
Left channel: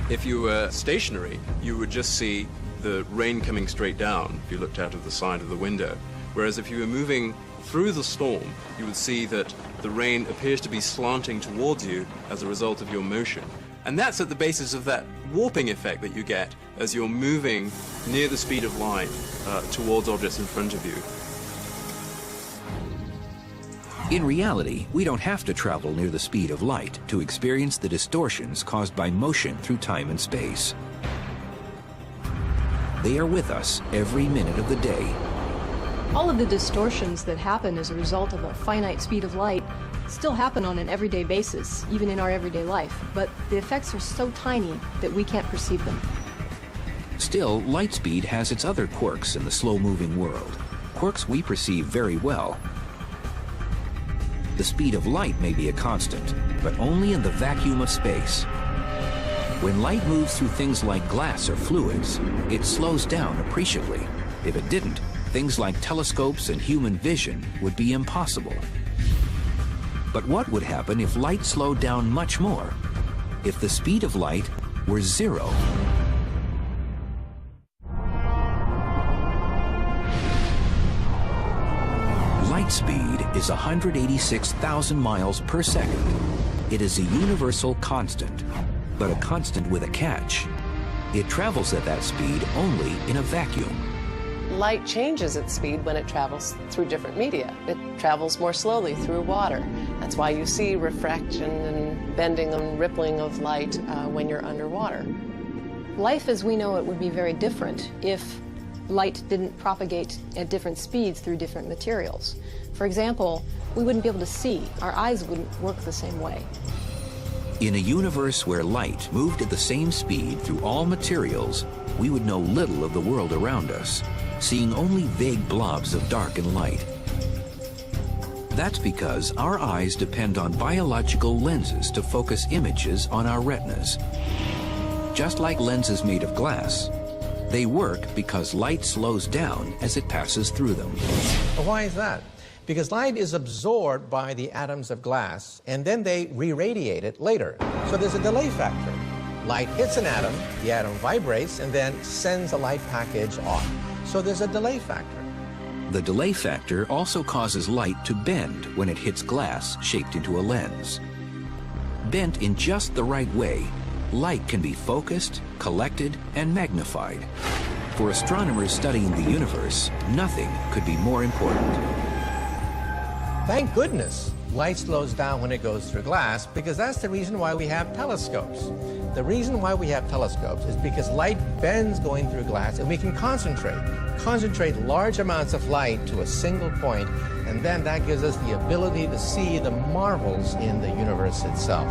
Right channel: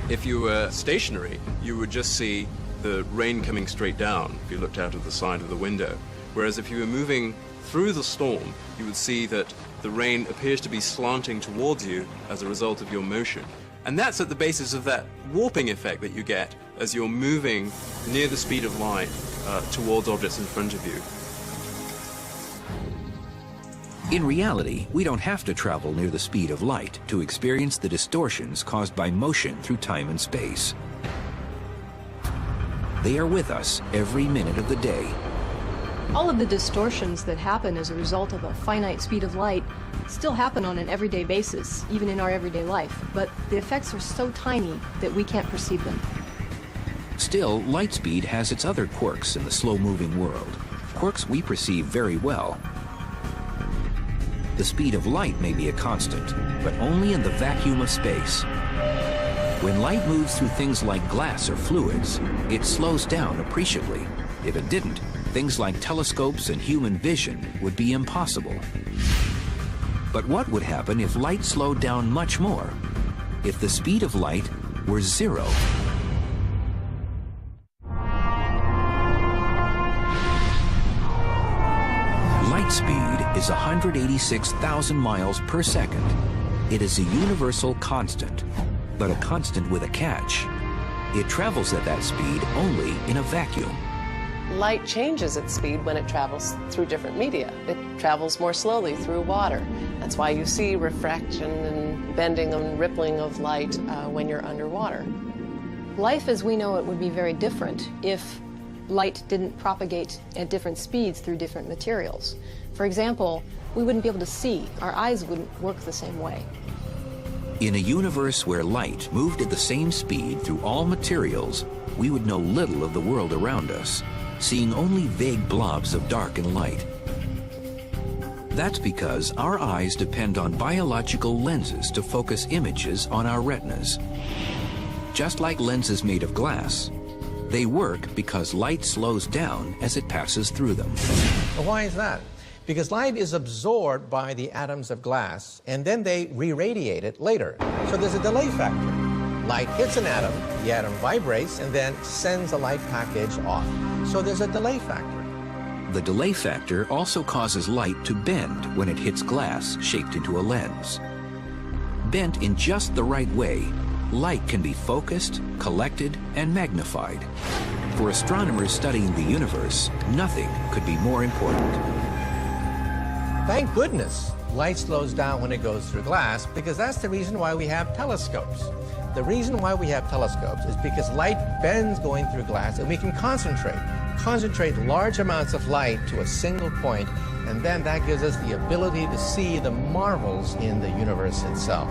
If you were stationary, you would just see the rain coming straight down if you looked out of the side of the window. Whereas if you were moving through the storm, you would see that the rain appears to be slanting towards you as a result of your motion. And that's at the basis of that warping effect that you get as you're moving near the speed of light towards objects in front of you. In reality, we don't have to travel near the speed of light to experience the distortions caused by motion through time and space. They are with us every minute of the day. All of the distortions that happen as a result of a finite speed of light still happen on an everyday basis, even in our everyday life, but the effects are so tiny that we can't perceive them. Still, light speed has its other quirks in the slow-moving world, quirks we perceive very well. The speed of light may be a constant, but only in the vacuum of space. When light moves through things like glass or fluids, it slows down appreciably. If it didn't, things like telescopes and human vision would be impossible. But what would happen if light slowed down much more? If the speed of light were zero? Light speed is 186,000 miles per second. It is a universal constant, but a constant with a catch. It travels at that speed only in a vacuum. Light changes its speed when it travels through different media. It travels more slowly through water. That's why you see refraction and bending and rippling of light when you're underwater. Life as we know it would be very different if light didn't propagate at different speeds through different materials. For example, we wouldn't be able to see. Our eyes wouldn't work the same way. In a universe where light moved at the same speed through all materials, we would know little of the world around us, seeing only vague blobs of dark and light. That's because our eyes depend on biological lenses to focus images on our retinas. Just like lenses made of glass, they work because light slows down as it passes through them. Well, why is that? Because light is absorbed by the atoms of glass, and then they re-radiate it later. So there's a delay factor. Light hits an atom, the atom vibrates, and then sends a light package off. So there's a delay factor. The delay factor also causes light to bend when it hits glass shaped into a lens. Bent in just the right way, light can be focused, collected, and magnified. For astronomers studying the universe, nothing could be more important. Thank goodness light slows down when it goes through glass, because that's the reason why we have telescopes. The reason why we have telescopes is because light bends going through glass, and we can concentrate large amounts of light to a single point, and then that gives us the ability to see the marvels in the universe itself.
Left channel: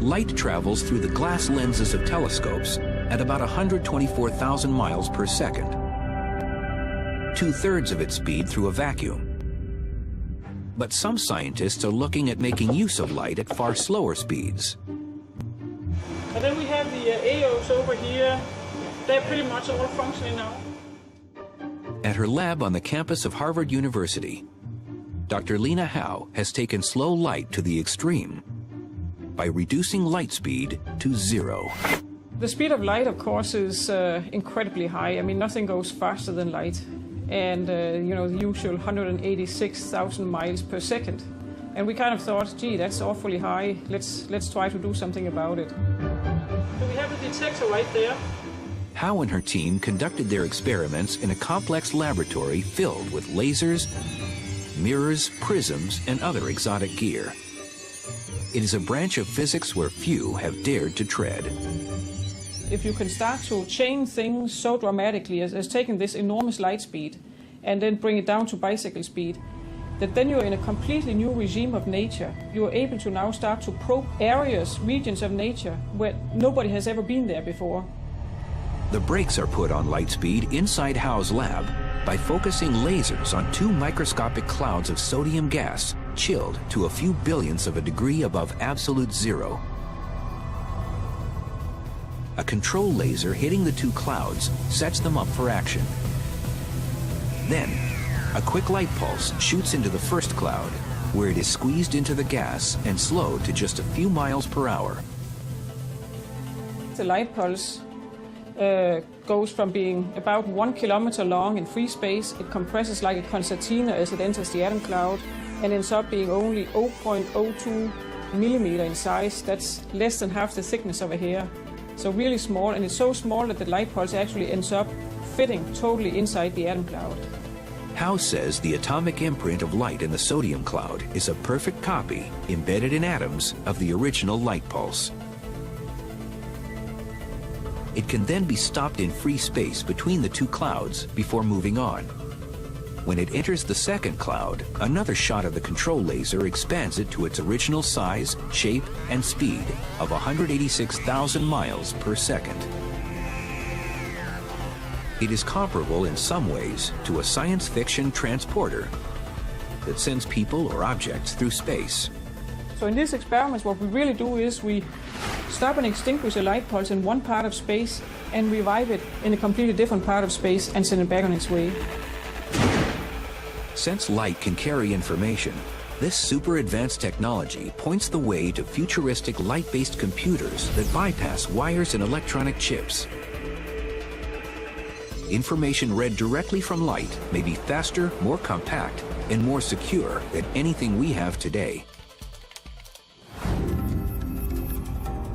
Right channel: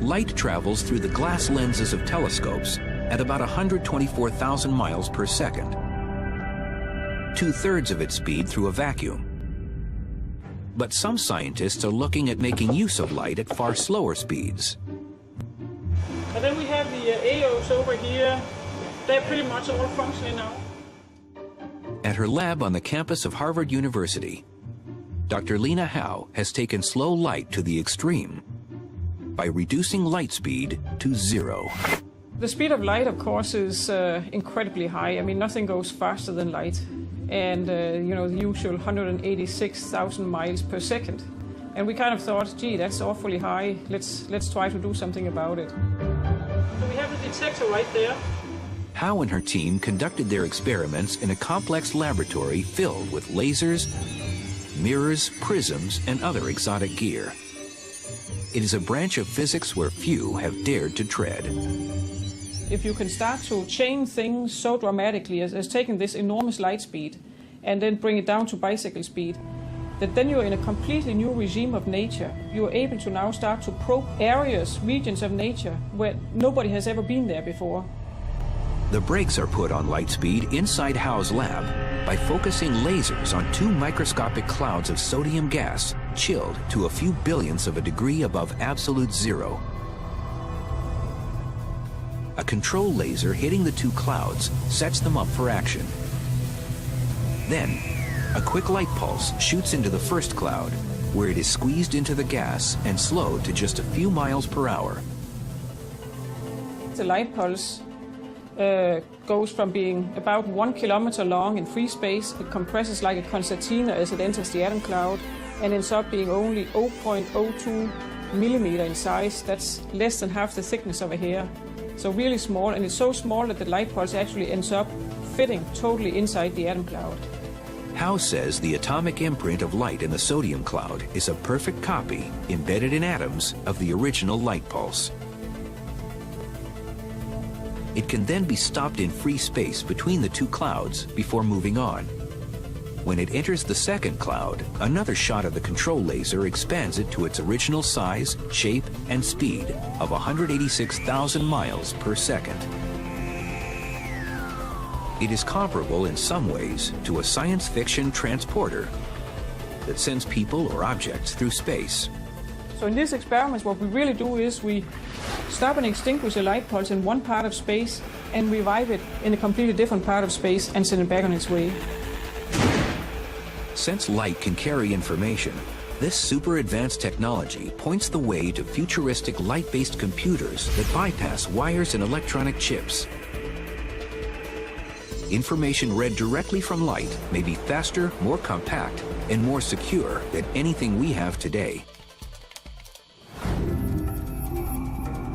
Light travels through the glass lenses of telescopes at about 124,000 miles per second, 2/3 of its speed through a vacuum. But some scientists are looking at making use of light at far slower speeds. And then we have the ALOs over here. They're pretty much all functioning now. At her lab on the campus of Harvard University, Dr. Lena Howe has taken slow light to the extreme by reducing light speed to zero. The speed of light, of course, is incredibly high. I mean, nothing goes faster than light. And, the usual 186,000 miles per second. And we kind of thought, gee, that's awfully high. Let's try to do something about it. So we have a detector right there. Howe and her team conducted their experiments in a complex laboratory filled with lasers, mirrors, prisms, and other exotic gear. It is a branch of physics where few have dared to tread. If you can start to change things so dramatically as taking this enormous light speed and then bring it down to bicycle speed, that then you're in a completely new regime of nature. You're able to now start to probe areas, regions of nature where nobody has ever been there before. The brakes are put on Lightspeed inside Howe's lab by focusing lasers on 2 microscopic clouds of sodium gas chilled to a few billionths of a degree above absolute zero. A control laser hitting the 2 clouds sets them up for action. Then, a quick light pulse shoots into the first cloud, where it is squeezed into the gas and slowed to just a few miles per hour. The light pulse goes from being about 1 kilometer long in free space. It compresses like a concertina as it enters the atom cloud and ends up being only 0.02 millimeter in size. That's less than half the thickness of a hair. So really small, and it's so small that the light pulse actually ends up fitting totally inside the atom cloud. Howe says the atomic imprint of light in the sodium cloud is a perfect copy, embedded in atoms, of the original light pulse. It can then be stopped in free space between the 2 clouds before moving on. When it enters the second cloud, another shot of the control laser expands it to its original size, shape, and speed of 186,000 miles per second. It is comparable in some ways to a science fiction transporter that sends people or objects through space. So in these experiments, what we really do is we stop and extinguish the light pulse in one part of space and revive it in a completely different part of space and send it back on its way. Since light can carry information, this super advanced technology points the way to futuristic light-based computers that bypass wires and electronic chips. Information read directly from light may be faster, more compact, and more secure than anything we have today.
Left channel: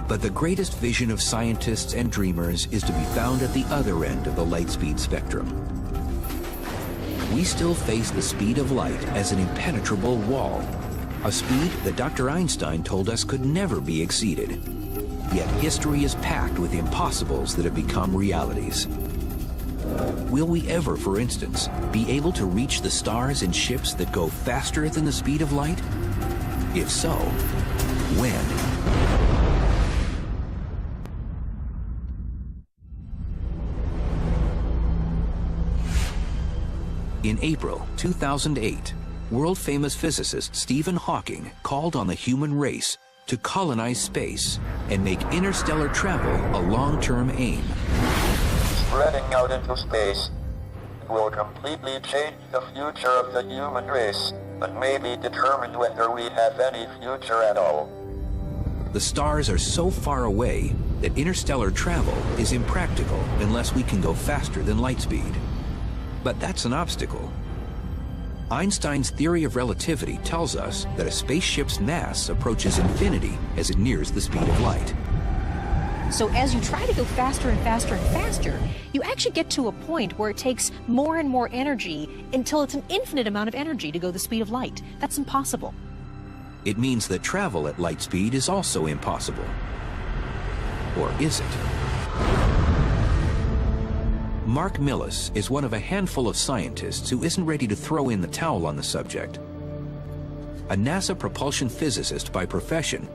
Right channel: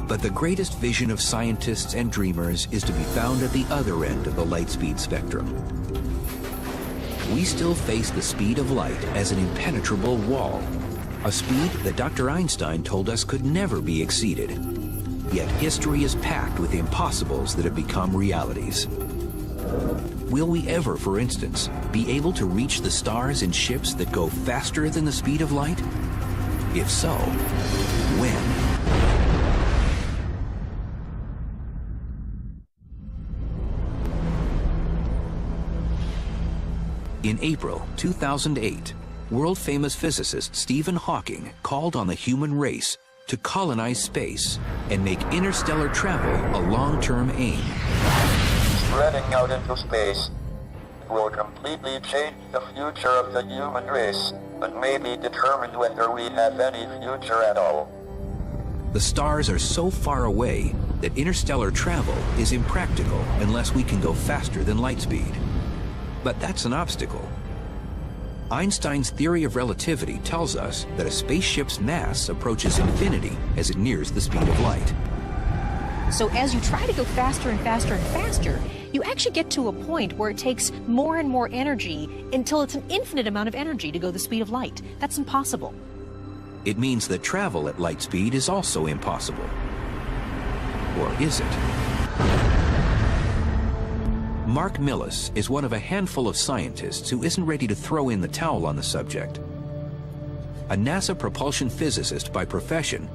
But the greatest vision of scientists and dreamers is to be found at the other end of the light-speed spectrum. We still face the speed of light as an impenetrable wall, a speed that Dr. Einstein told us could never be exceeded. Yet history is packed with impossibles that have become realities. Will we ever, for instance, be able to reach the stars in ships that go faster than the speed of light? If so, when? In April 2008, world-famous physicist Stephen Hawking called on the human race to colonize space and make interstellar travel a long-term aim. Spreading out into space will completely change the future of the human race, but may be determined whether we have any future at all. The stars are so far away that interstellar travel is impractical unless we can go faster than light speed. But that's an obstacle. Einstein's theory of relativity tells us that a spaceship's mass approaches infinity as it nears the speed of light. So as you try to go faster and faster and faster, you actually get to a point where it takes more and more energy until it's an infinite amount of energy to go the speed of light. That's impossible. It means that travel at light speed is also impossible. Or is it? Mark Millis is one of a handful of scientists who isn't ready to throw in the towel on the subject. A NASA propulsion physicist by profession,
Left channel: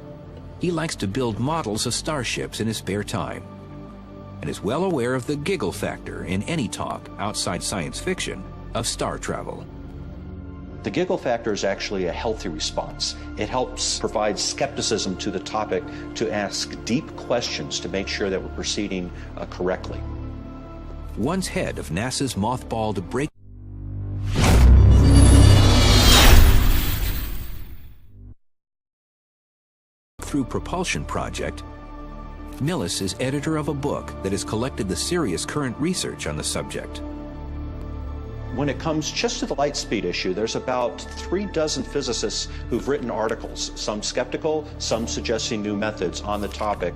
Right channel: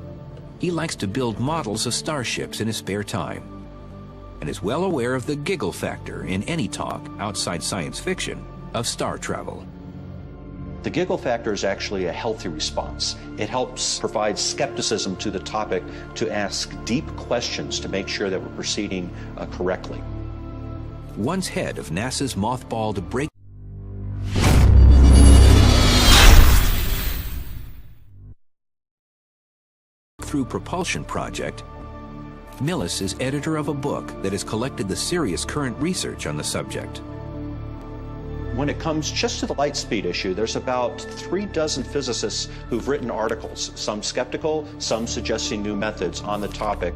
he likes to build models of starships in his spare time, and is well aware of the giggle factor in any talk outside science fiction of star travel. The giggle factor is actually a healthy response. It helps provide skepticism to the topic, to ask deep questions to make sure that we're proceeding correctly. Once head of NASA's mothballed Breakthrough Propulsion Project, Millis is editor of a book that has collected the serious current research on the subject. When it comes just to the light speed issue, there's about 36 physicists who've written articles, some skeptical, some suggesting new methods on the topic.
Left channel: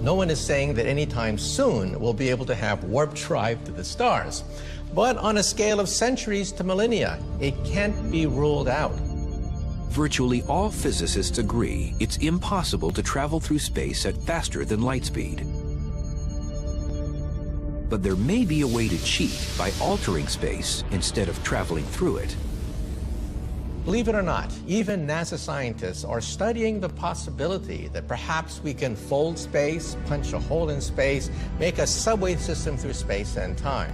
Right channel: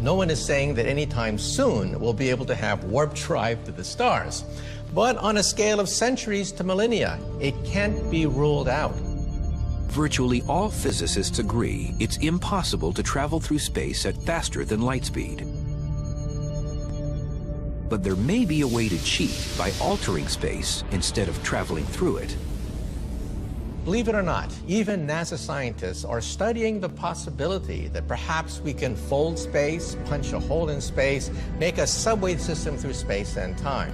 No one is saying that anytime soon we'll be able to have warp drive to the stars. But on a scale of centuries to millennia, it can't be ruled out. Virtually all physicists agree it's impossible to travel through space at faster than light speed. But there may be a way to cheat by altering space instead of traveling through it. Believe it or not, even NASA scientists are studying the possibility that perhaps we can fold space, punch a hole in space, make a subway system through space and time.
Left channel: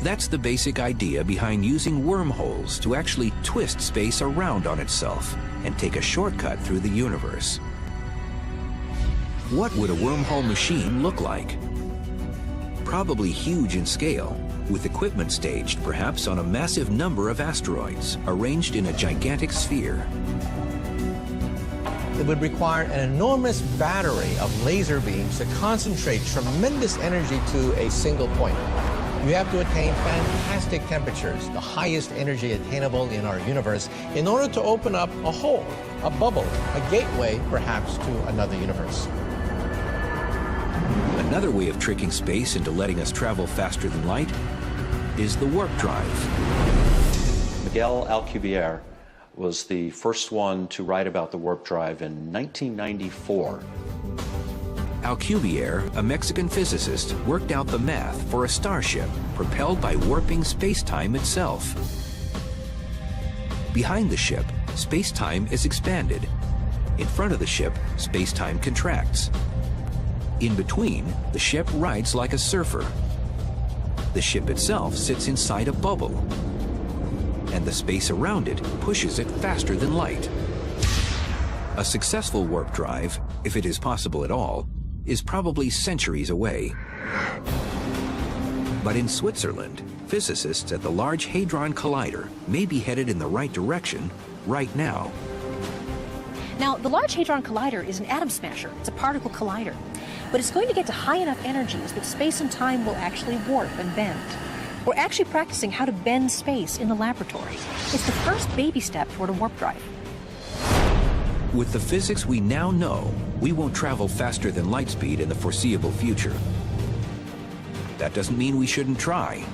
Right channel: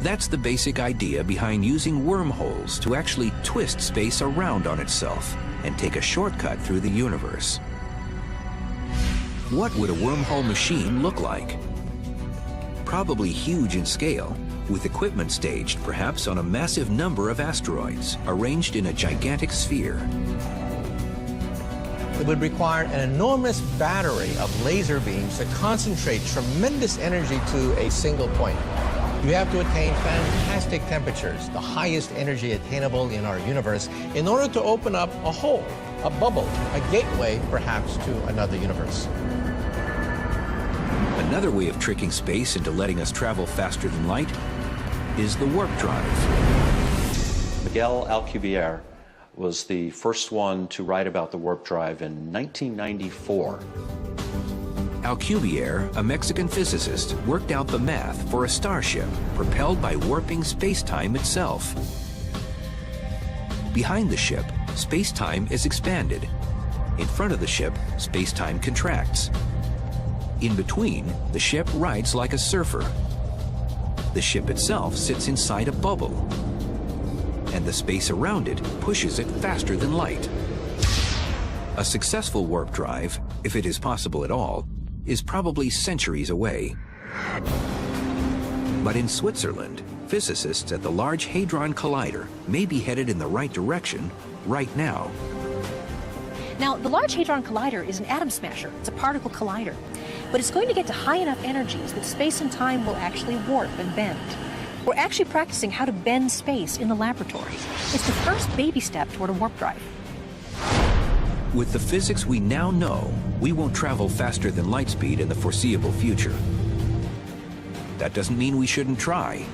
That's the basic idea behind using wormholes to actually twist space around on itself and take a shortcut through the universe. What would a wormhole machine look like? Probably huge in scale, with equipment staged perhaps on a massive number of asteroids arranged in a gigantic sphere. It would require an enormous battery of laser beams to concentrate tremendous energy to a single point. We have to attain fantastic temperatures, the highest energy attainable in our universe, in order to open up a hole, a bubble, a gateway perhaps to another universe. Another way of tricking space into letting us travel faster than light is the warp drive. Miguel Alcubierre was the first one to write about the warp drive in 1994. Alcubierre, a Mexican physicist, worked out the math for a starship propelled by warping space-time itself. Behind the ship, space-time is expanded. In front of the ship, space-time contracts. In between, the ship rides like a surfer. The ship itself sits inside a bubble, and the space around it pushes it faster than light. A successful warp drive, if it is possible at all, is probably centuries away. But in Switzerland, physicists at the Large Hadron Collider may be headed in the right direction right now. Now, the Large Hadron Collider is an atom smasher. It's a particle collider. But it's going to get to high enough energies that space and time will actually warp and bend. We're actually practicing how to bend space in the laboratory. It's the first baby step toward a warp drive. With the physics we now know, we won't travel faster than light speed in the foreseeable future. That doesn't mean we shouldn't try.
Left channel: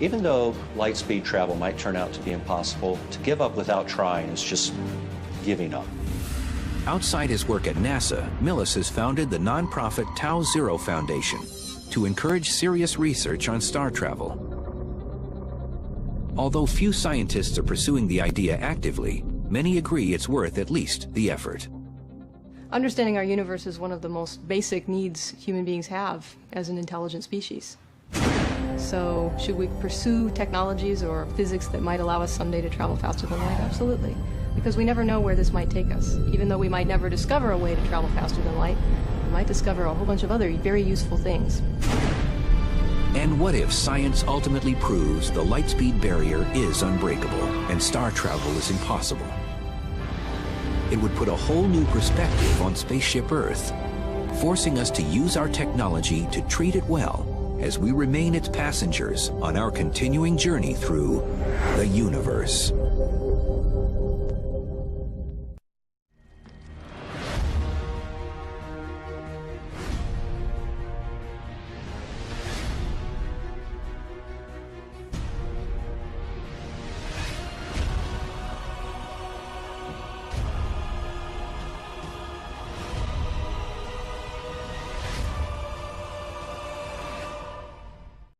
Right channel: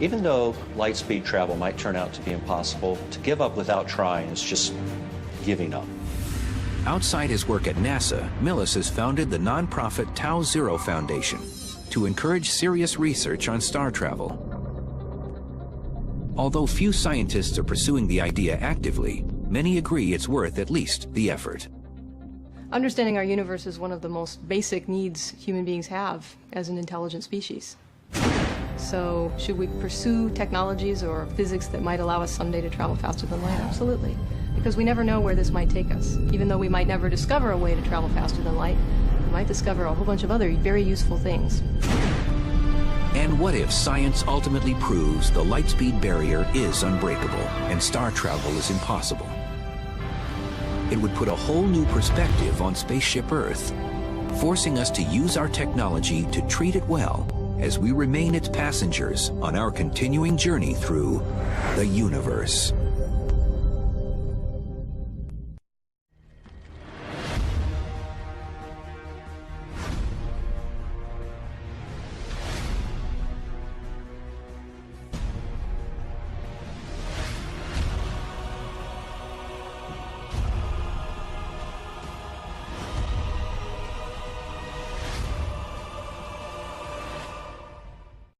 Even though light speed travel might turn out to be impossible, to give up without trying is just giving up. Outside his work at NASA, Millis has founded the nonprofit Tau Zero Foundation to encourage serious research on star travel. Although few scientists are pursuing the idea actively, many agree it's worth at least the effort. Understanding our universe is one of the most basic needs human beings have as an intelligent species. So, should we pursue technologies or physics that might allow us someday to travel faster than light? Absolutely. Because we never know where this might take us. Even though we might never discover a way to travel faster than light, we might discover a whole bunch of other very useful things. And what if science ultimately proves the light speed barrier is unbreakable and star travel is impossible? It would put a whole new perspective on spaceship Earth, forcing us to use our technology to treat it well as we remain its passengers on our continuing journey through the universe.